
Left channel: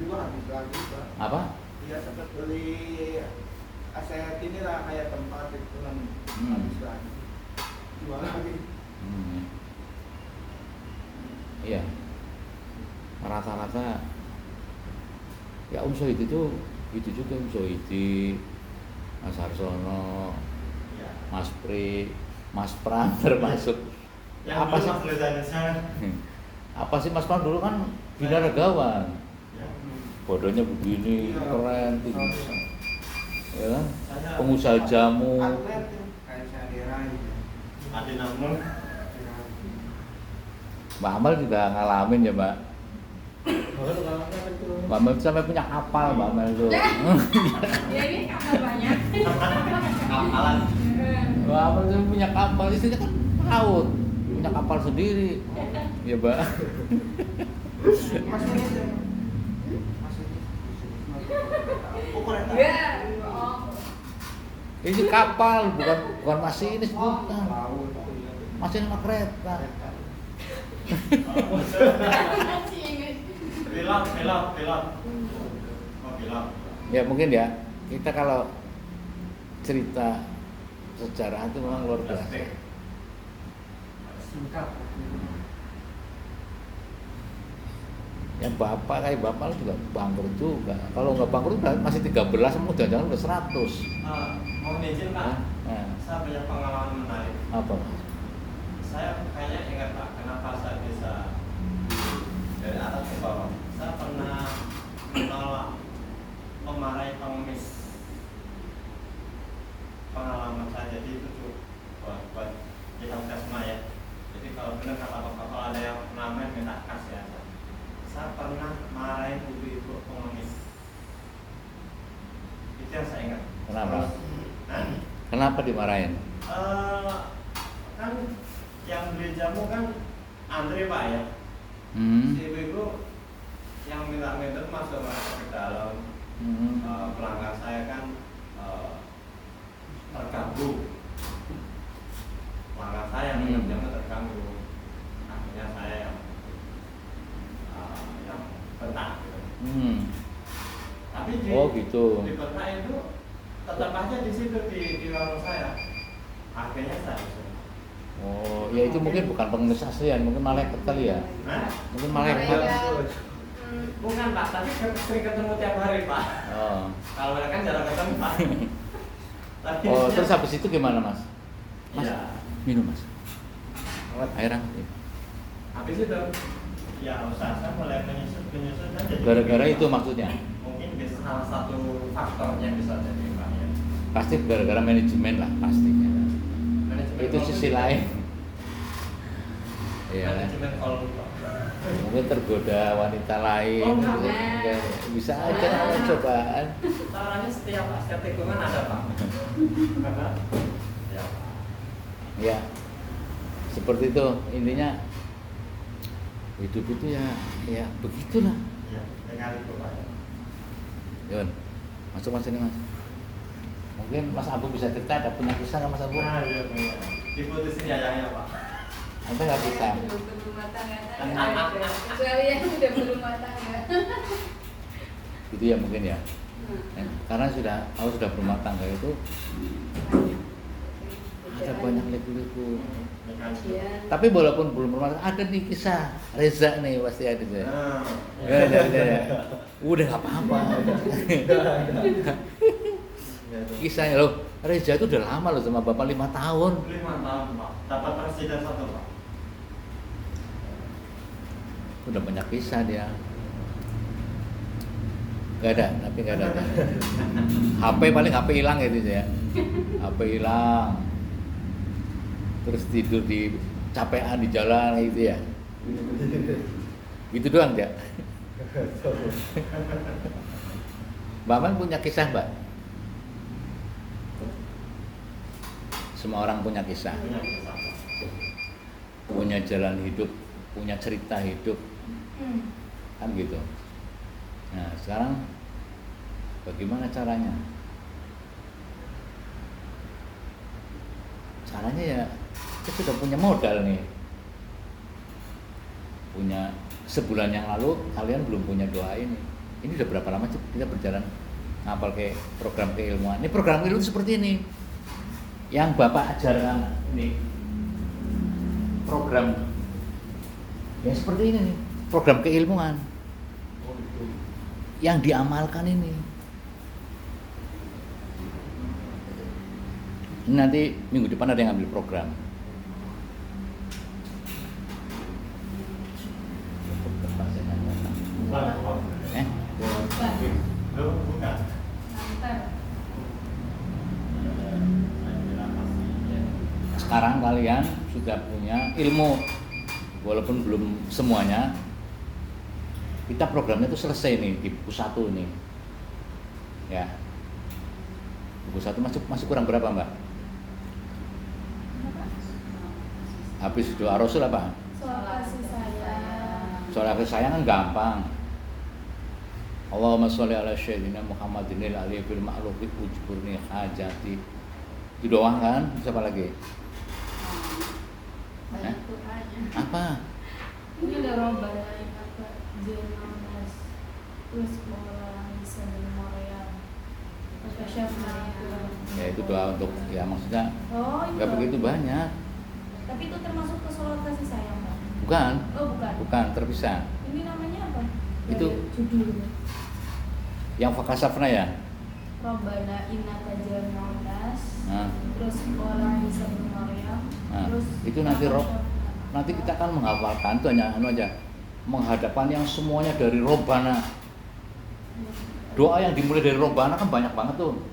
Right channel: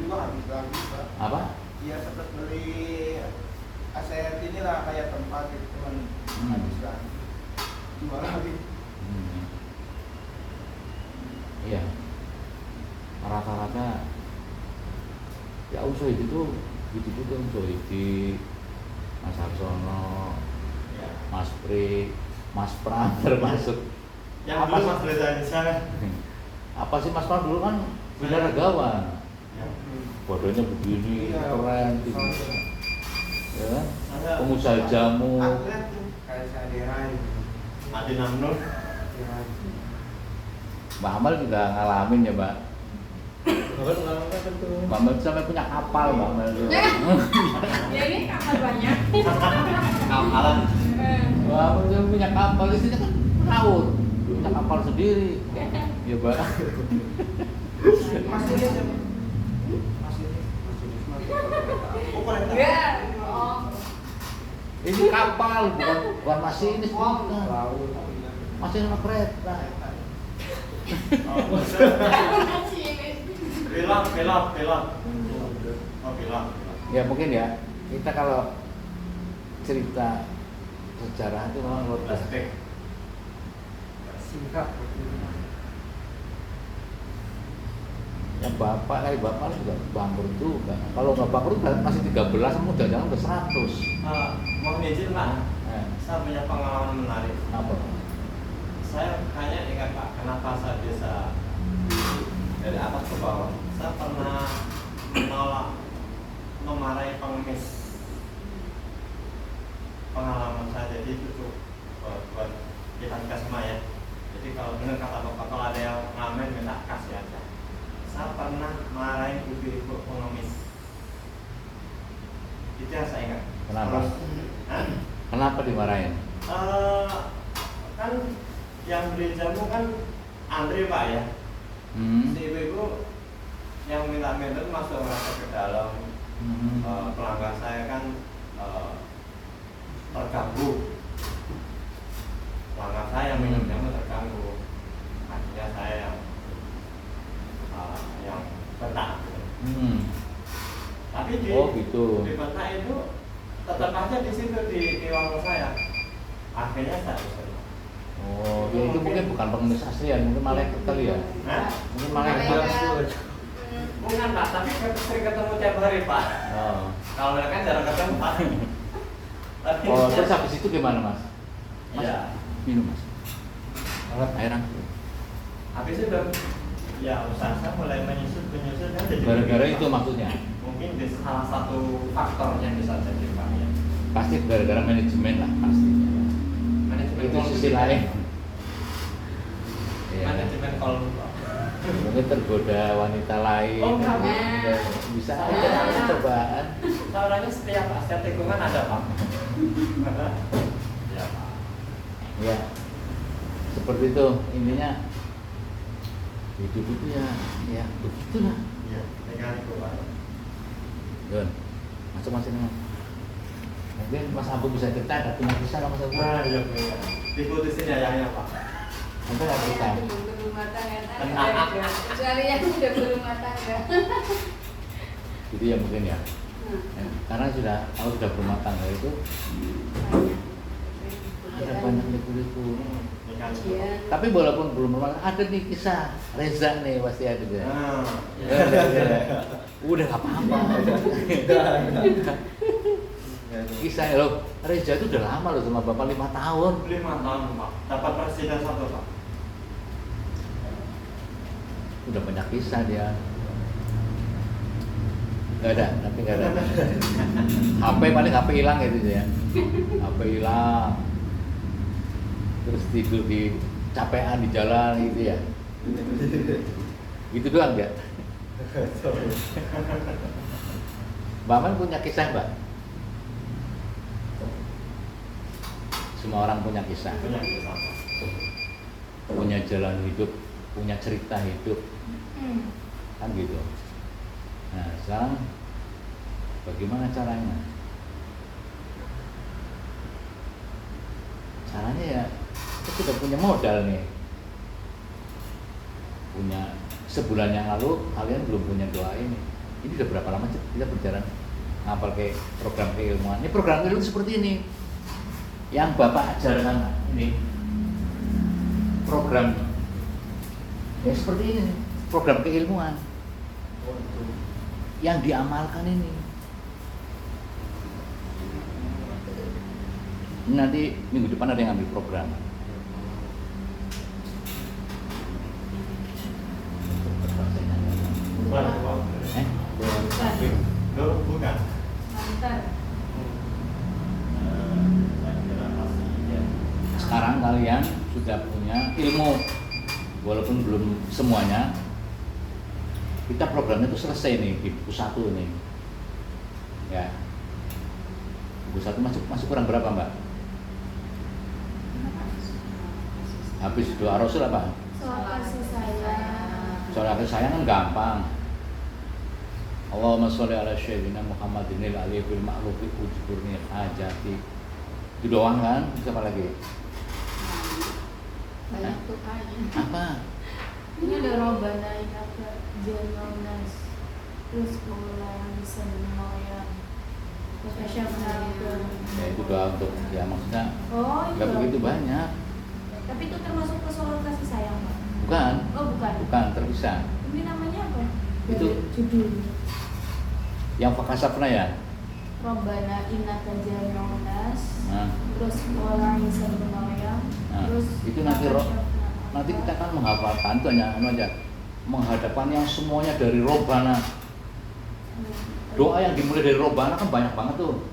juga habis lagi Pak. Apa? Ya seperti beli aset inilah kayak tempat itu teman habis lagi. Jual lagi. Iya. Rata-rata ya Om Sohidi itu gitu juga Om Sohidi, Mas Harsono, Ya. Mas Pri, Mas Pram termasuk. Yang Apa dulu sih? Mas Reza Indonesia kan? Apa sih Mas Pram dulu kan binaragawan. Ya. Bodohnya begini, Iya. keren, tinggi. Ya kan? Saya Pengusaha jamu. Atlet tuh kayak saya Derai. Adi Namnur. Mbak Amal juga ngalamin ya Mbak. Bukan lama kan tuh. Mbak Amal sampai punya kapal Mbak Amal tuh. Ya ini kapal banyak. Kapalan. Mbak Amal tuh punya kapal, istrinya kan laut, punya kapal sendiri. Ya Mbak. Mas ini aja. Mas ini. Oh kereta. Ya. Oh. Ini kapal bukan masinis, bukan. Laut. Masih kereta. Pilot. Oh, pilot. Ya mungkin ya, kita kalau cerita sejarah itu memang luar biasa. Plastik. Singkat. Yang bapak kayak bapak juga bangkrut juga. Kalau nggak bangkrut masih 13, mau jangan-jangan udah 100. Mohon izin Pak, Nah, saya punya pengalaman menarik. apa? Saya hanya ingat Pak, kenapa saya bisa dari atas ke bawah. Saya pernah yang saya ingat. Kenapa? Hah? Kenapa dimarahin? Kan yang beli jamu kan Andre Pak ya. Hmm. Si ibu yang minta minum masuk ke dalam. Pelanggan saya kan terganggu. Pelanggan saya yang minum jamu terganggu. Akhirnya saya yang bentak. Tapi di gitu. di bentak itu tetap aja di situ di warung saya. Akhirnya saya usir. Oh, ya itu mungkin bukan pengemis aslian, mungkin malaikat kali ya. Hah? Mungkin malaikat. Bukan Pak, tapi sering ketemu tiap hari Pak. Oh. Kalau mereka kan jarang ketemu Pak. Tapi Oh, terus habis itu gimana Mas? Mas, Iya. minum Mas. Air angin. Habis itu ya usaha saya mulai menyusut kan jadi Gara-gara lebih, itu Pak. maksudnya? Mungkin di salah satu faktor yang bisa jadi Pak ya. Pasti gara-gara manajemen lah pastinya. Manajemen Itu call sisi juga. lain. Iya. Manajemen call Pak. Mungkin tergoda wanita lain. Oh, enggak. Ya, bisa Saya- aja cobaan. Saya orangnya setia Pak, setiap tikungan ada Pak. Ya Pak. Ya. Seperti itu intinya hidup itu ya begitulah. Ya, dengan itu Pak. Yun, masuk Mas ini Mas. Mungkin Mas Abu bisa cerita, ada punya kisah Mas Abu? Nah, iya benar. Diputusin ayahnya Pak. Mungkin ada kisah. Saya belum berumah tangga, kecuali yang sudah berumah tangga. Gitu ya mungkin ya. Ya, karena aku sudah berumah tangga itu ada banyak liku-liku. Tapi walaupun belum berumah tangga, ada nih kisah Reza nih pasti ada ya. Nah, Ya. Udah gak apa-apa. Kisahnya loh, Reza itu udah lama loh sama Bapak 5 tahun. 5 tahun Pak. Dapat presiden satu Pak. Udah banyak kisah dia. Gak ada, tapi gak ada. HP paling HP hilang gitu ya. HP hilang. Terus tidur di capean di jalan gitu ya. Gitu doang ya. Mbak Man punya kisah Mbak? Semua orang punya kisah. Punya jalan hidup, punya cerita hidup. Kan gitu. Nah sekarang bagaimana caranya? Caranya ya kita sudah punya modal nih. Punya sebulan yang lalu kalian belum punya doa ini. Ini udah berapa lama kita berjalan ngapal ke program keilmuan. Ini program keilmuan seperti ini. Yang Bapak ajarkan ini program ya seperti ini nih. Program keilmuan yang diamalkan ini. Nanti minggu depan ada yang ambil program. Bukan. Mantan. Sekarang kalian sudah punya ilmu, walaupun belum semuanya. Kita programnya itu selesai nih di buku 1 nih, ya. Buku 1 masih kurang berapa Mbak? Habis doa Rasul apa? Soal kasih sayang. Soal kasih sayang kan gampang. Allahumma sholli ala sayyidina Muhammadinil aliyil ma'lufi ujburni hajati. Itu doang kan? Bisa apa lagi? Banyak Tuhannya. Apa? Ini ada Robbana Innaka Janonas. Terus Pengelaran Isa bin Maryam. Ya itu doa untuk ya maksudnya Oh, itu. nggak begitu banyak. Tapi itu termasuk ke soal kasih sayang, Pak? Bukan, Oh, bukan. bukan terpisah. Ini namanya apa? Itu- Dari judulnya. Yang fakasafna ya. Robbana Innaka Janonas. Nah, Terus Pengelaran Isa bin Maryam. Nah, Terus itu nanti kita kan menghafalkan itu hanya aja menghadapkan yang semuanya dari Robbana. Doa yang dimulai dari Robbana kan banyak banget tuh.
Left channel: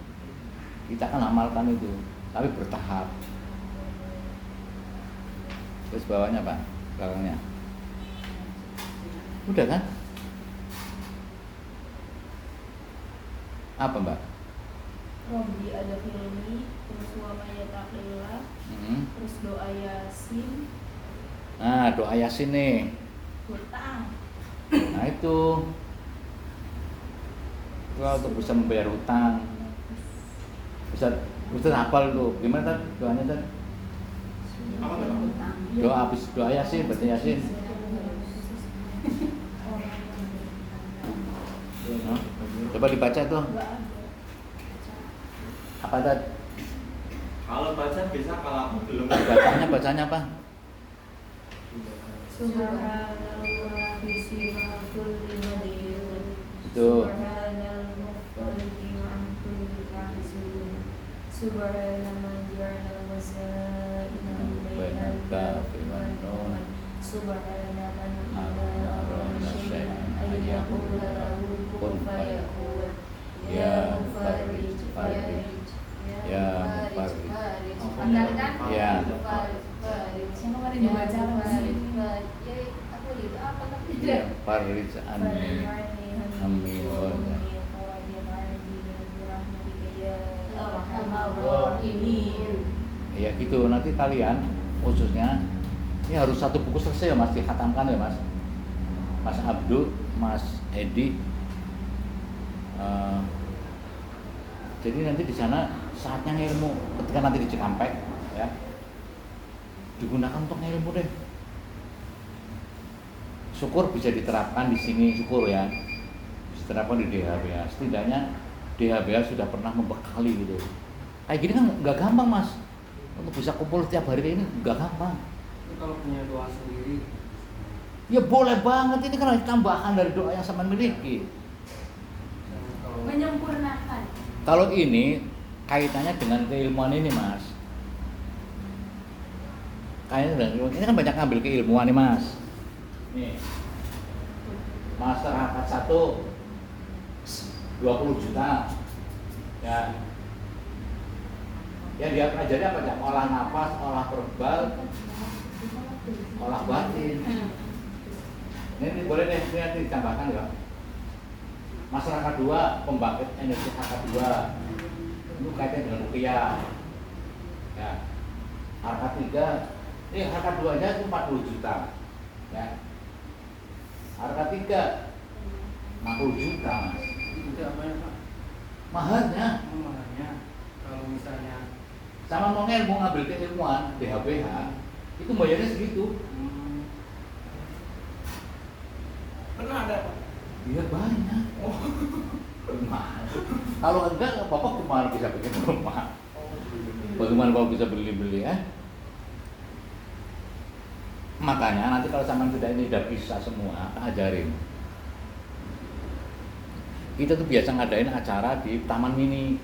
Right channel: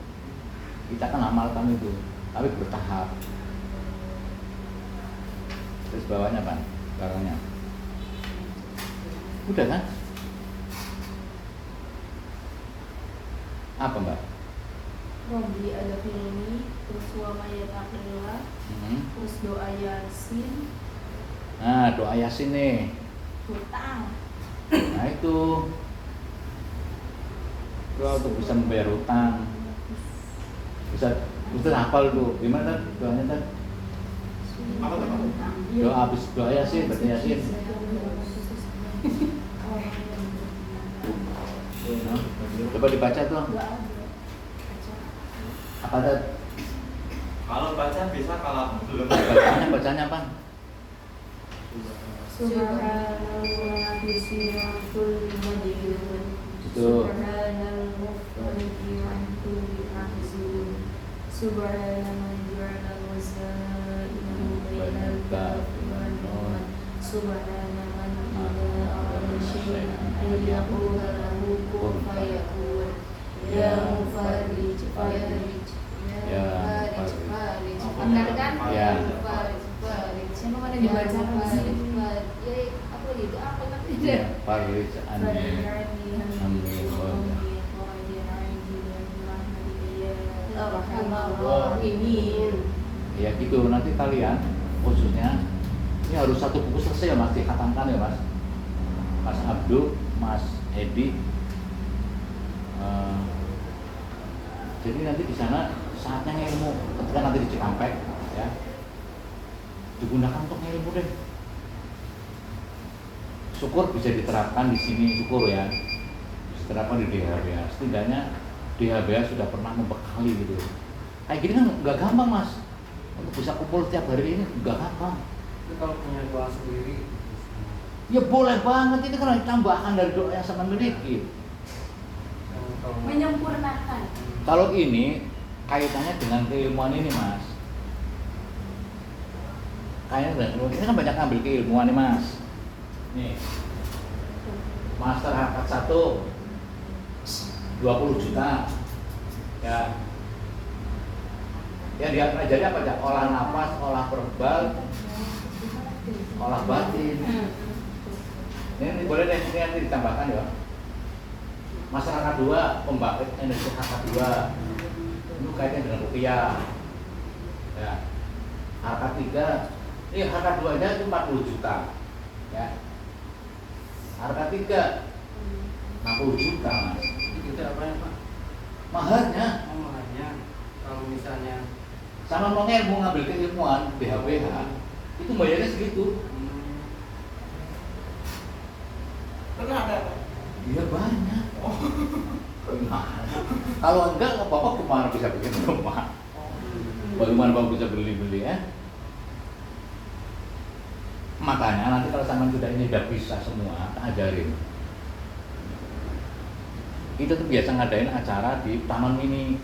Kita kan amalkan itu, tapi bertahap. Terus bawahnya Pak, bawahnya. Udah kan? Apa Mbak? Robbi adkhilni, terus wa may yattaqillah, terus doa Yasin, Nah, doa Yasin nih. hutang. Nah itu untuk bisa membayar hutang. Bisa hafal tuh. Gimana doanya kan? Apa tuh? Doa habis doa Yasin, baca Yasin. Coba dibaca tuh. Apa tadi? Kalau baca bisa, kalau belum Bacanya apa? Subhanallah bismillahul madiyun. Itu. Subhanal muqaddi wa kulli mahzun. Subhanal ja'al wasa'ilahu bainal kafi wal nuun. Subhana man ilaha syai'an ayyaqula lahu kun fayakun. Ya mufarrij farij. Ya mufarrij farij. Benar kan? Ya. Mufarrij farij. Siapa mana dibaca Farij farij. Ya apa gitu? Apa kan tidak? Farij amin. Ya gitu, nanti kalian khususnya ini harus satu buku selesai ya Mas, dikhatamkan ya Mas. Mas Abdul, Mas Edi. Jadi nanti di sana saatnya ilmu ketika nanti di Cikampek ya digunakan untuk ilmu deh. Syukur bisa diterapkan di sini, syukur ya. Bisa diterapkan di DHBA. Setidaknya DHBA sudah pernah membekali gitu. Kayak gini kan nggak gampang Mas. Untuk bisa kumpul tiap hari ini nggak gampang. Itu kalau punya doa sendiri. Ya boleh banget, itu kan tambahan dari doa yang sama miliki. Menyempurnakan. Kalau ini kaitannya dengan keilmuan ini Mas. Kayaknya dengan keilmuan ini kan banyak ngambil keilmuan nih Mas. Nih, master hakat 1 20 juta ya. Yang dia pelajari apa aja? Olah nafas, olah verbal, olah batin. Ini boleh deh, ini nanti ditambahkan ya. Masyarakat 2, pembangkit energi harkat 2 itu kaitan dengan rupiah ya. Harkat 3, ini harkat 2 nya itu 40 juta ya. Harkat 3 60 juta Mas. Itu apa ya Pak? Maharnya Maharnya kalau misalnya sama mengelmu ngambil keilmuan BHBH itu bayarnya segitu. pernah ada Pak? Iya banyak. Gimana? Kalau enggak, Bapak kemana bisa bikin rumah? Bagaimana kalau bisa beli-beli ya? Makanya nanti kalau sama sudah ini udah bisa semua, ajarin. Kita tuh biasa ngadain acara di Taman Mini,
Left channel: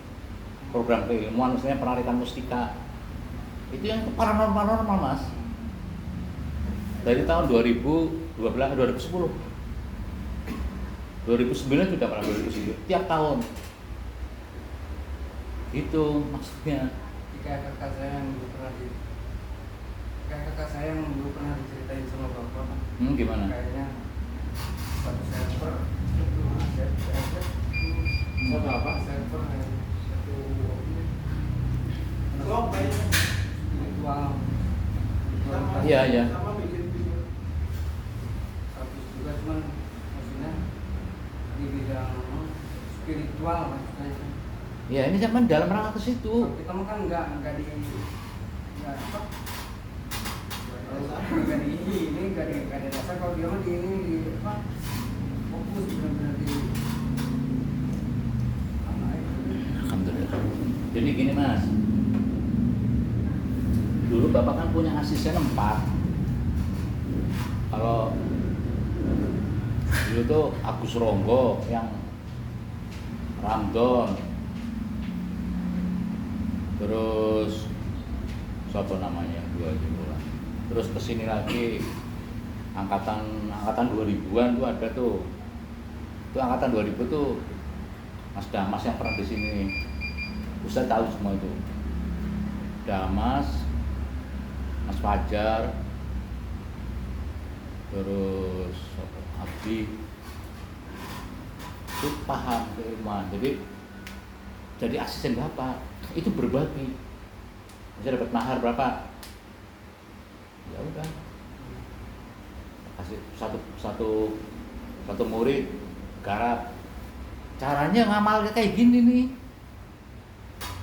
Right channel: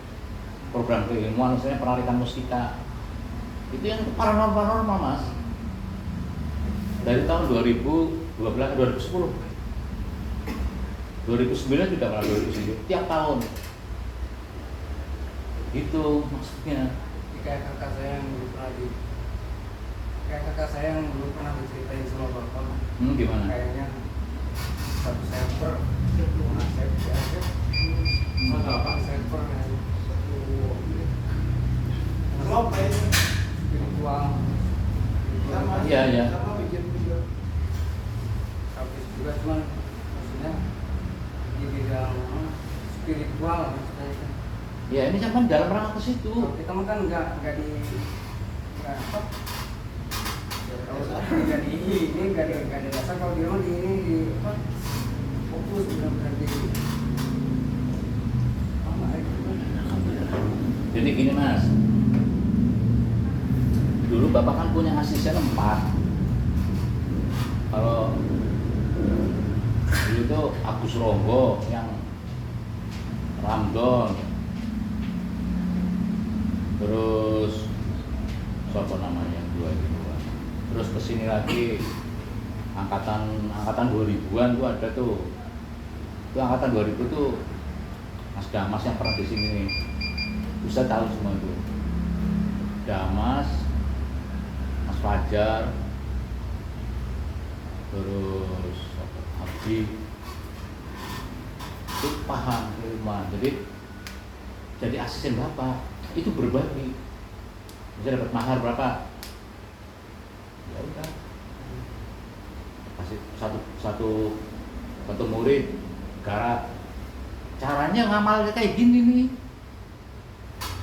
program keilmuan, misalnya penarikan mustika. Itu yang paranormal Mas. Dari tahun 2012, 2010. 2009 sudah pernah 2010, tiap tahun. Itu maksudnya. Kayak kakak saya yang dulu pernah kayak kakak saya yang dulu pernah diceritain sama bapak. Gimana? Kayaknya satu server aja. Satu apa? Server satu spiritual. Iya, iya. Sama bikin video. Habis juga cuman maksudnya di bidang spiritual maksudnya. Ya ini kan dalam rangka ke situ. Kalau kita mah kan nggak di nggak apa nggak di ini nggak di dasar, kalau dia mah di ini di apa fokus benar-benar di apa itu. Jadi gini Mas, dulu Bapak kan punya asisten 4. Kalau dulu itu Agus Ronggo yang Ramdon, terus siapa namanya yang 2 itu, terus kesini lagi angkatan 2000-an tuh ada tuh, itu angkatan 2000 tuh Mas Damas yang pernah di sini, bisa tahu semua itu. Damas, Mas Fajar, terus Abdi, itu paham keilmuan. Jadi jadi asisten bapak itu berbagi. Bisa dapat mahar berapa? Ya udah, kasih satu murid garap. Caranya ngamal kayak gini nih,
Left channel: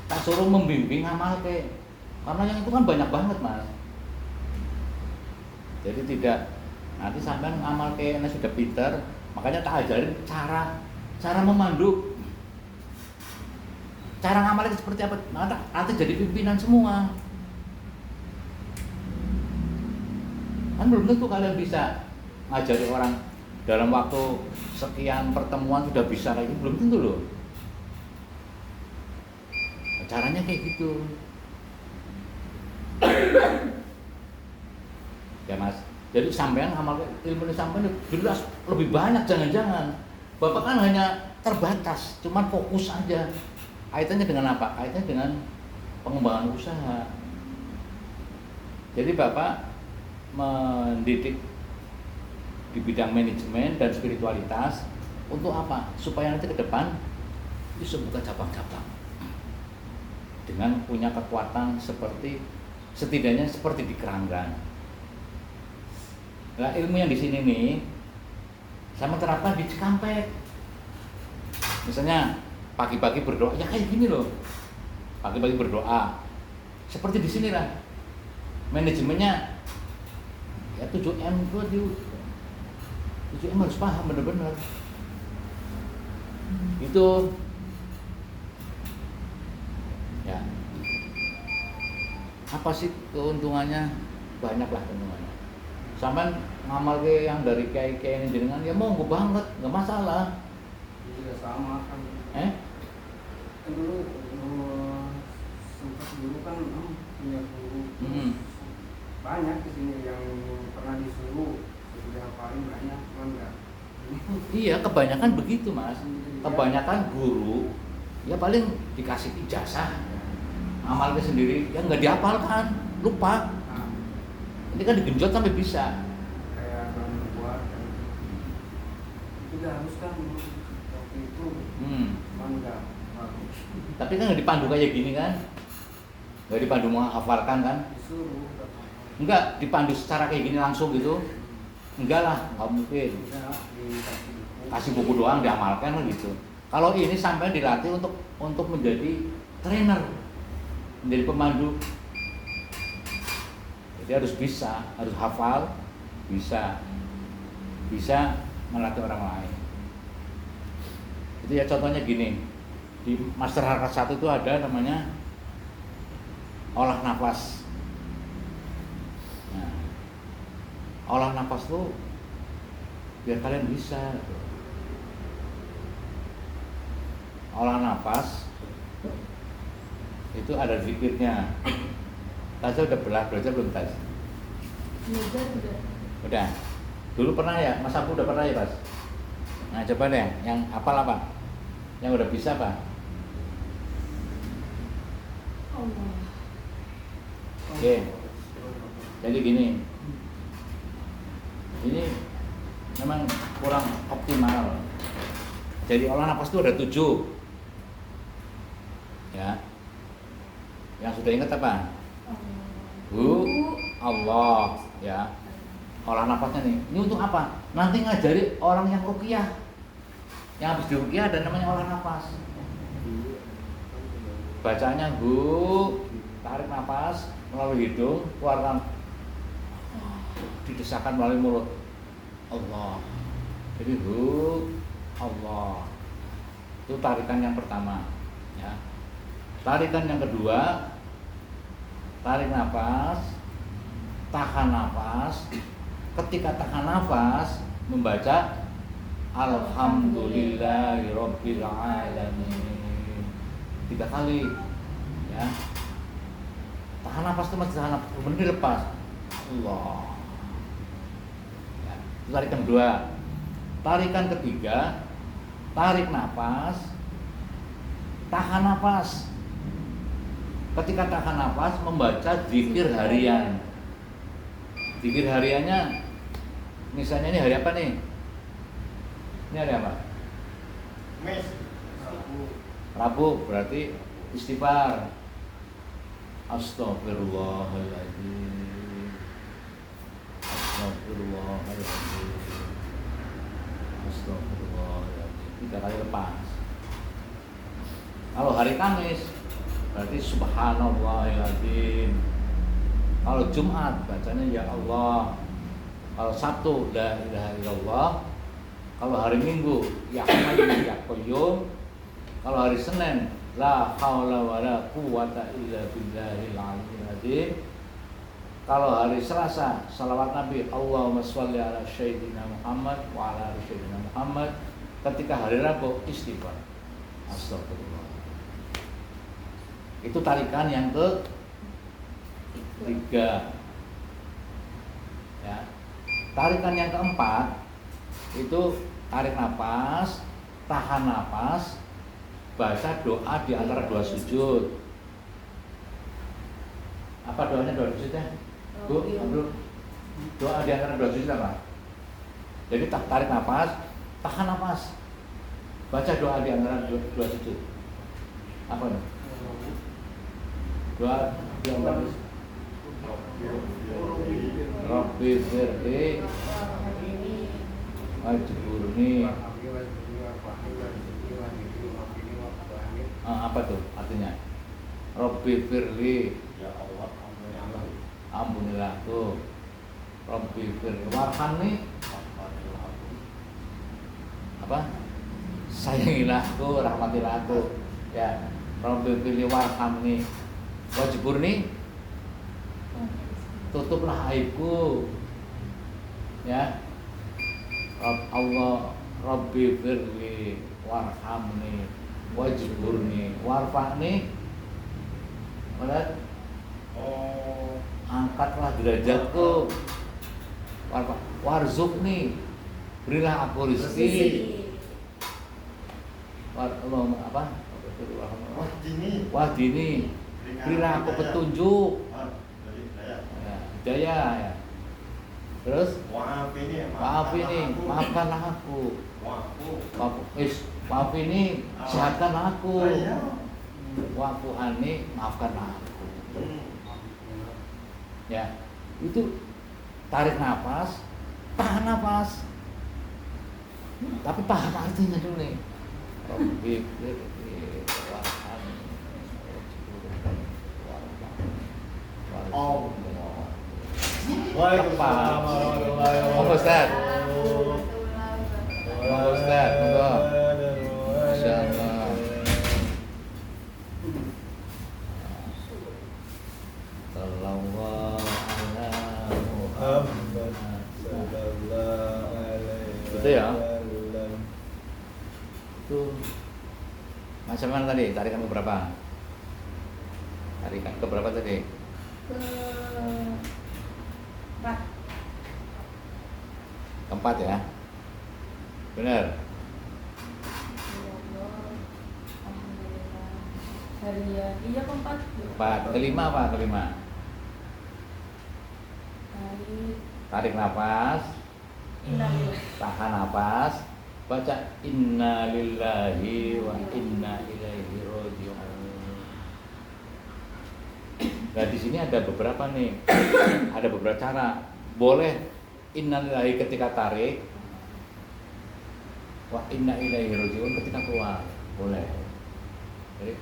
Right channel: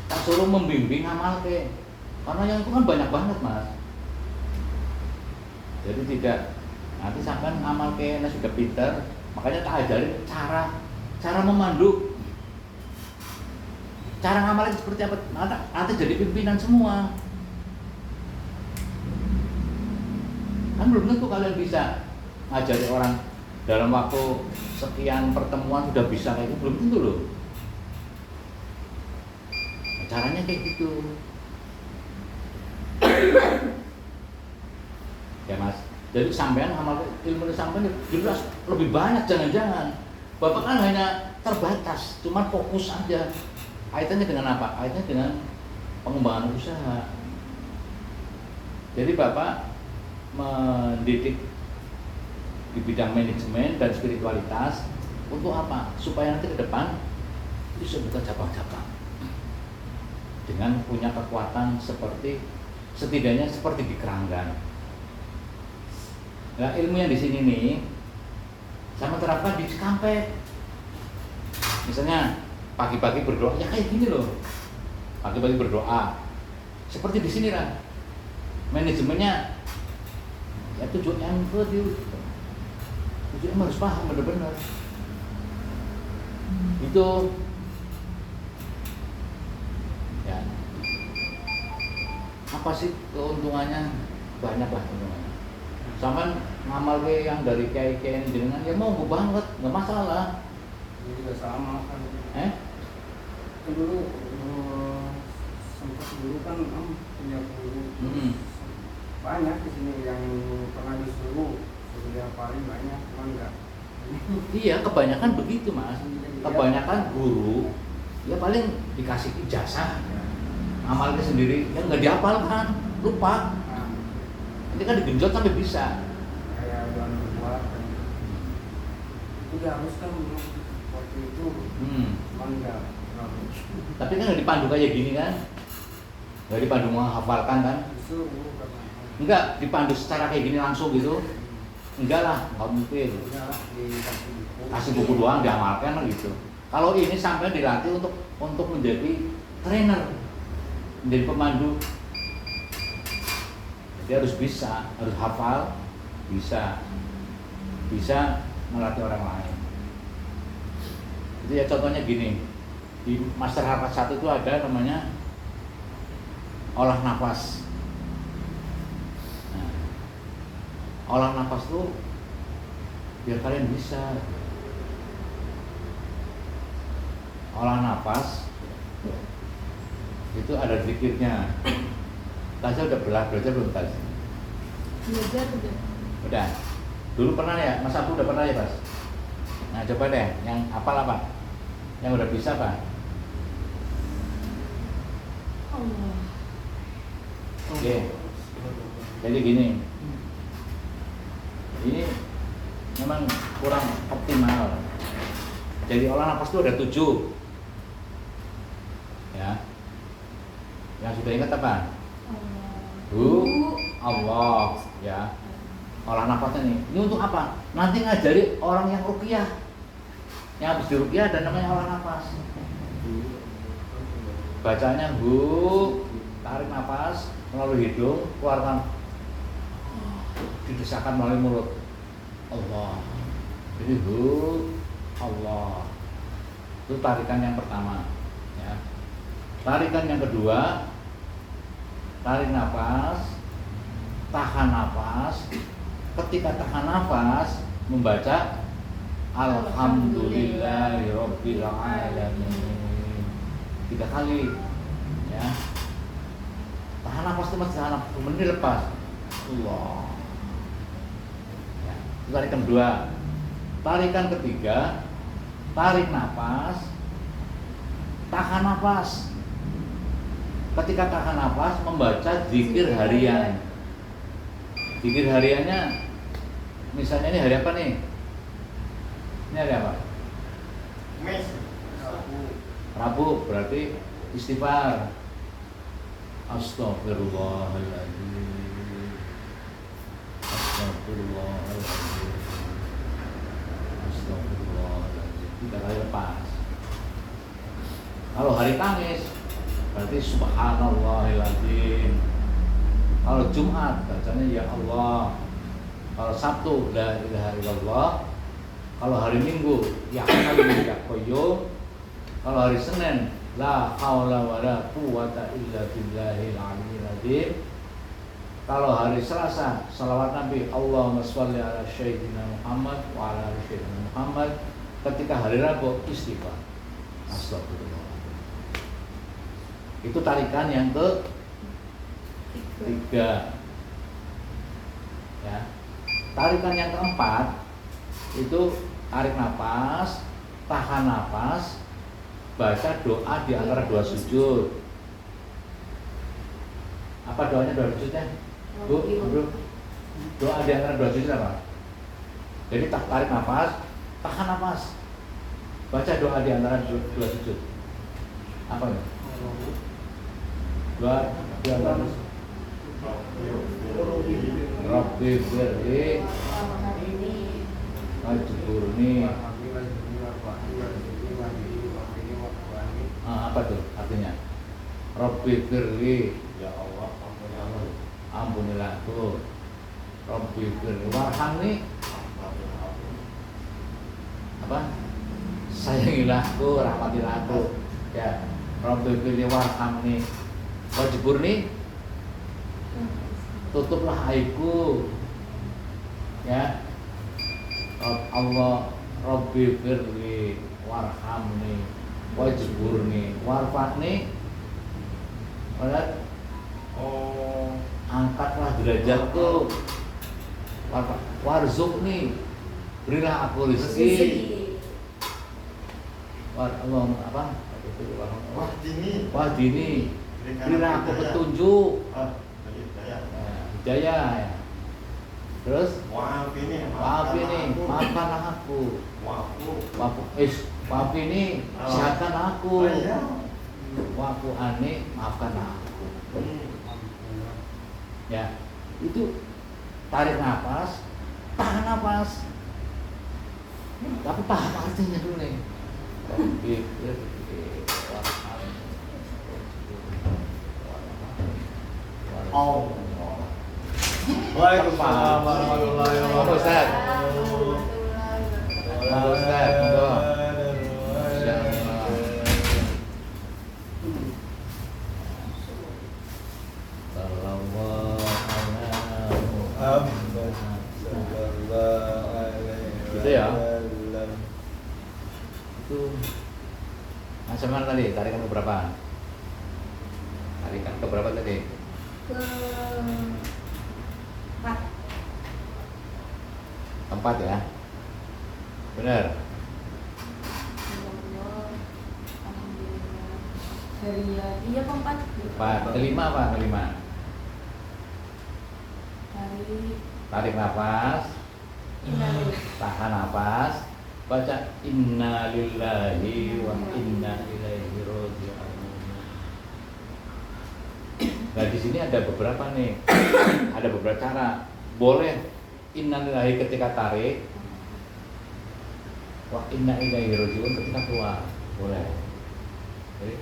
tak suruh membimbing ngamal kayak, karena yang itu kan banyak banget mas. Jadi tidak nanti sampai ngamal kayaknya sudah pinter, makanya tak ajarin cara memandu, cara ngamalin seperti apa. Nanti jadi pimpinan semua. Kan belum tentu kalian bisa ngajari orang dalam waktu sekian pertemuan sudah bisa kayak gitu, belum tentu loh. Caranya kayak gitu. Ya mas, jadi sampean ngamal ilmu sampean jelas lebih banyak, jangan-jangan bapak kan hanya terbatas, cuman fokus aja. Kaitannya dengan apa? Kaitannya dengan pengembangan usaha. Jadi bapak mendidik di bidang manajemen dan spiritualitas untuk apa? Supaya nanti ke depan bisa buka cabang-cabang dengan punya kekuatan seperti setidaknya seperti di Keranggan. Nah, ilmu yang di sini nih sama terapkan di Cikampek. Misalnya pagi-pagi berdoa, ya kayak gini loh. Pagi-pagi berdoa. Seperti di sini lah. Manajemennya ya 7M itu 7M harus paham benar-benar. Itu ya. Apa sih keuntungannya? Banyak lah keuntungannya. Sama ngamal yang dari kiai-kiai ini jenengan ya mau banget, nggak masalah. Ini juga sama kan. Dulu Sempat dulu kan punya guru banyak di sini yang pernah disuruh yang paling banyak kan enggak. Iya, kebanyakan begitu mas. Kebanyakan guru ya paling dikasih ijazah, amalnya sendiri ya nggak dihafalkan, lupa. Ini kan digenjot sampai bisa. Kayak bantu buat kan. Itu udah harus kan waktu itu. Enggak. Tapi kan nggak dipandu kayak gini kan, nggak dipandu menghafalkan kan? Enggak dipandu secara kayak gini langsung gitu. Enggak lah, nggak mungkin. Kasih buku doang diamalkan gitu. Kalau ini sampai dilatih untuk menjadi trainer, menjadi pemandu. Jadi harus bisa, harus hafal, bisa melatih orang lain. Itu ya contohnya gini, di Master Harkat 1 itu ada namanya olah nafas. Nah, olah nafas itu biar kalian bisa olah nafas itu ada zikirnya. Tasya udah belajar belum Tas? Belajar udah. Udah. Dulu pernah ya, Mas Abu udah pernah ya Pas? Nah coba deh, yang hafal apa? Yang udah bisa apa? Allah. Oke. Jadi gini. Ini memang kurang optimal. Jadi olah nafas itu ada 7. Ya. Yang sudah ingat apa? Allah ya. Olah nafasnya nih. Ini untuk apa? Nanti ngajari orang yang ruqyah. Yang habis di ruqyah dan namanya olah nafas. Bacanya tarik nafas melalui hidung, keluar didesakkan melalui mulut. Allah. Jadi Allah. Itu tarikan yang pertama ya. Tarikan yang kedua, tarik nafas, tahan nafas. Ketika tahan nafas, membaca Alhamdulillahirabbil alamin 3 kali, ya. Tahan nafas itu masih tahan nafas, kemudian dilepas. Allah. Ya. Tarikan kedua, tarikan ketiga, tarik nafas, tahan nafas. Ketika tahan nafas membaca zikir harian. Zikir hariannya, misalnya ini hari apa nih? Ini hari apa? Mes. Rabu berarti istighfar. Astagfirullahaladzim. Astagfirullahaladzim. Astagfirullahaladzim. 3 kali lepas. Kalau hari Kamis berarti subhanallahiladzim. Kalau Jumat bacanya ya Allah. Kalau Sabtu la ilaha illallah. Kalau hari Minggu ya Hayyu ya Qayyum. Kalau hari Senin la haula wala quwata illa billahil aliyyil azim. Kalau hari Selasa salawat Nabi Allahumma sholli ala sayyidina Muhammad wa ala ali sayyidina Muhammad. Ketika hari Rabu istighfar. Astagfirullah. Itu tarikan yang ke-3. Ya. Tarikan yang keempat itu tarik nafas, tahan nafas, baca doa di antara 2 sujud. Apa doanya 2 sujudnya? Bu, doa di antara 2 sujud apa? Jadi tarik nafas, tahan nafas, baca doa di antara 2 sujud. Apa nih? Doa di antara Rabbi firli wajburni. Apa tuh artinya? Rabbi firli, Ya Allah, ampunilah aku. Rabbi firli warhamni, apa? Sayangilah aku, rahmatilah aku. Ya, Rabbi firli warhamni wajburni, tutuplah aibku. Ya, Allah Rabbi firli warhamni wajburni warfa'ni. Benar? Angkatlah derajatku. Warzuqni, berilah aku rezeki. Apa? Wahdini, berilah aku petunjuk. Hidayah ya. Terus maafini, maafkan aku. Maafini, sehatkan aku. Wa'fu anni, maafkan aku. Ya, itu tarik nafas, tahan nafas. Tapi paham artinya dulu nih. Waalaikumsalam warahmatullahi wabarakatuh. Ustaz. Ustaz, monggo. Insyaallah. Gitu ya. Itu macam mana tadi? Tarikan berapa? Tarikan ke berapa tadi? Keempat ya. Benar. Iya keempat. Kelima apa? Kelima. Tarik nafas, tahan nafas, baca inna lillahi wa inna ilaihi raji'un. Nah di sini ada beberapa nih, ada beberapa cara. Boleh inna lillahi ketika tarik, wa inna ilaihi raji'un ketika keluar, boleh. Jadi,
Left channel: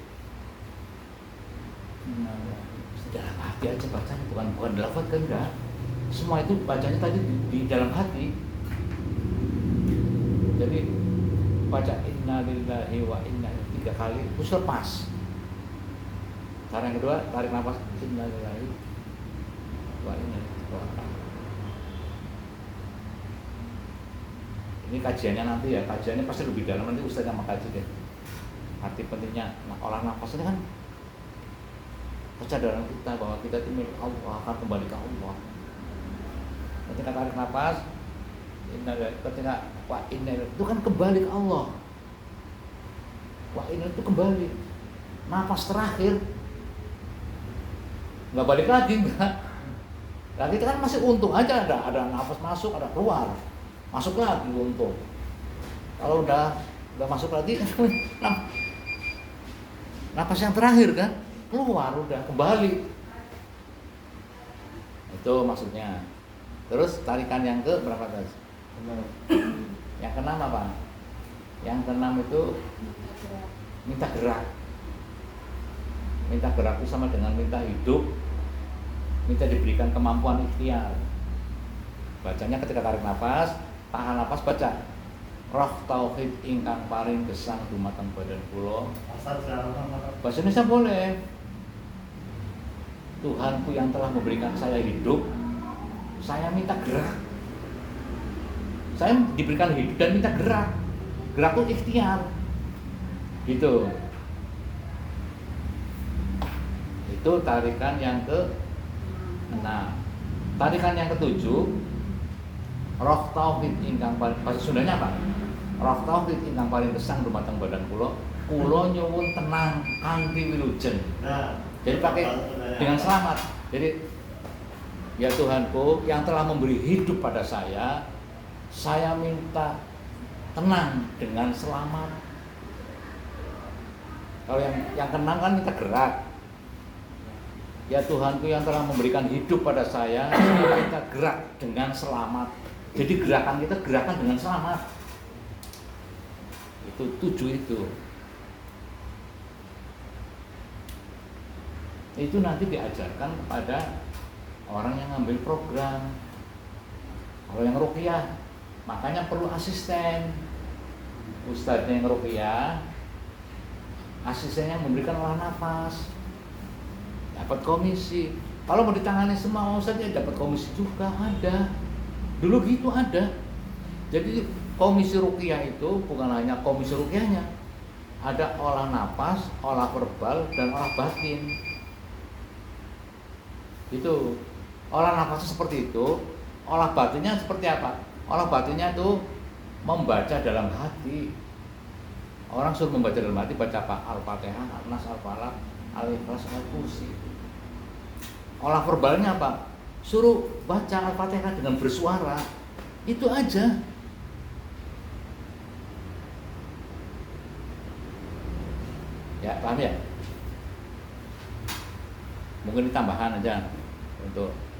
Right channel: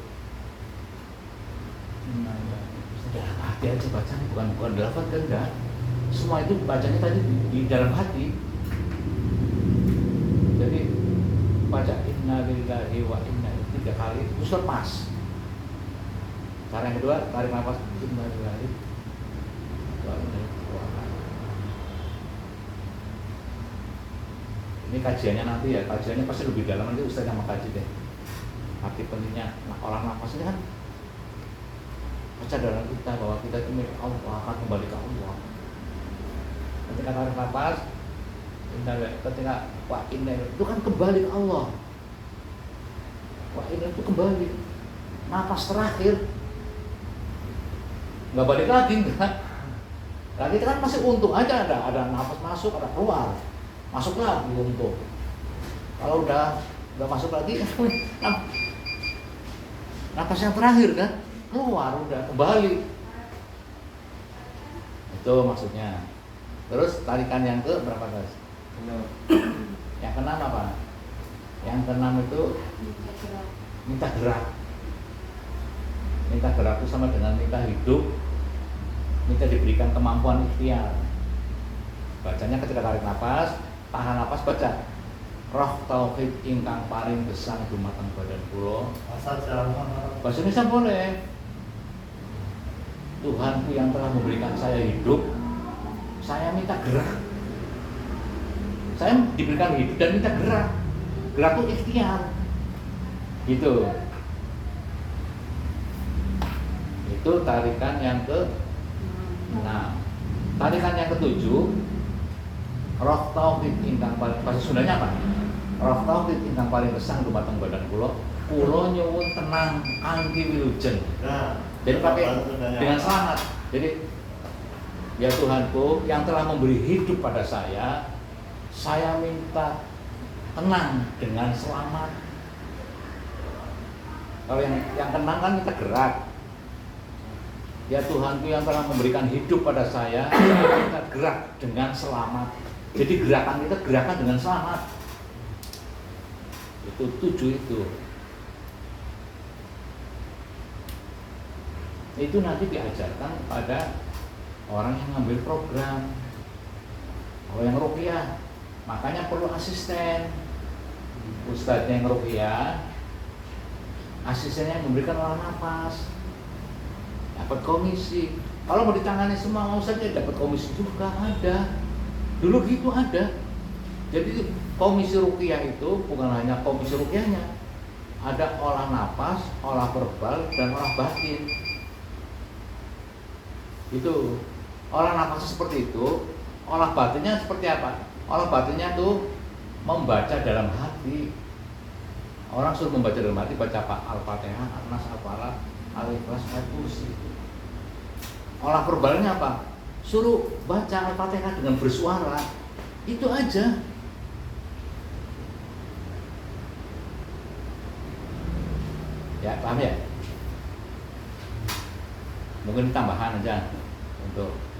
hati aja bacanya, bukan lafaz kan enggak. Semua itu bacanya tadi di dalam hati. Jadi baca inna lillahi wa inna 3 kali terus lepas. Cara yang kedua, tarik nafas inna lillahi wa inna ilaihi. Ini kajiannya nanti ya, kajiannya pasti lebih dalam, nanti Ustaz yang mengkaji deh. Arti pentingnya olah nafas ini kan kesadaran kita bahwa kita itu milik Allah, akan kembali ke Allah. Ketika tarik nafas, ketika wa inna itu kan kembali ke Allah. Wa inna itu kembali. Nafas terakhir nggak balik lagi, enggak. Nah, kita kan masih untung aja, ada nafas masuk, ada keluar, masuk lagi untung. Kalau udah masuk lagi, napas yang terakhir kan, keluar udah kembali. Itu maksudnya. Terus tarikan yang ke berapa guys? Yang keenam apa? Yang keenam itu minta gerak. Minta gerak itu sama dengan minta hidup, minta diberikan kemampuan ikhtiar. Bacanya ketika tarik nafas, tahan nafas, baca roh tauhid ingkang paring gesang dumateng badan kula. Bahasa Indonesia boleh. Tuhanku yang telah memberikan saya hidup, saya minta gerak. Saya diberikan hidup dan minta gerak. Gerak itu ikhtiar. Gitu. Itu tarikan yang ke-6. Tarikan yang ke-7, roh tauhid ingkang paling, bahasa Sundanya apa? Roh tauhid ingkang paling gesang dumateng badan kula, kula nyuwun tenang anggi wilujeng. Nah, jadi pakai dengan selamat. Jadi ya Tuhanku yang telah memberi hidup pada saya minta tenang dengan selamat. Kalau yang tenang kan minta gerak. Ya Tuhanku yang telah memberikan hidup pada saya minta gerak dengan selamat. Jadi gerakan kita gerakan dengan selamat. Itu 7 itu. Itu nanti diajarkan pada orang yang ngambil program, kalau yang ruqyah, makanya perlu asisten. Ustadz yang ruqyah, asistennya memberikan olah nafas, dapat komisi. Kalau mau ditangani semua ustadz dapat komisi juga ada. Dulu gitu ada. Jadi komisi ruqyah itu bukan hanya komisi ruqyahnya, ada olah nafas, olah verbal, dan olah batin. Itu olah nafas seperti itu, olah batinnya seperti apa? Olah batinnya itu membaca dalam hati. Orang suruh membaca dalam hati, baca apa? Al-Fatihah, An-Nas, Al-Falaq, Al-Ikhlas, Al-Kursi. Olah verbalnya apa? Suruh baca Al-Fatihah dengan bersuara. Itu aja. Ya, paham ya? Mungkin tambahan aja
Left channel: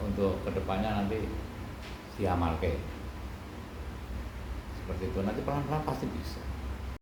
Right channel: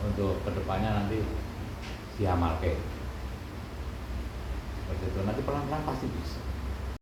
untuk kedepannya nanti diamalkan seperti itu, nanti pelan-pelan pasti bisa.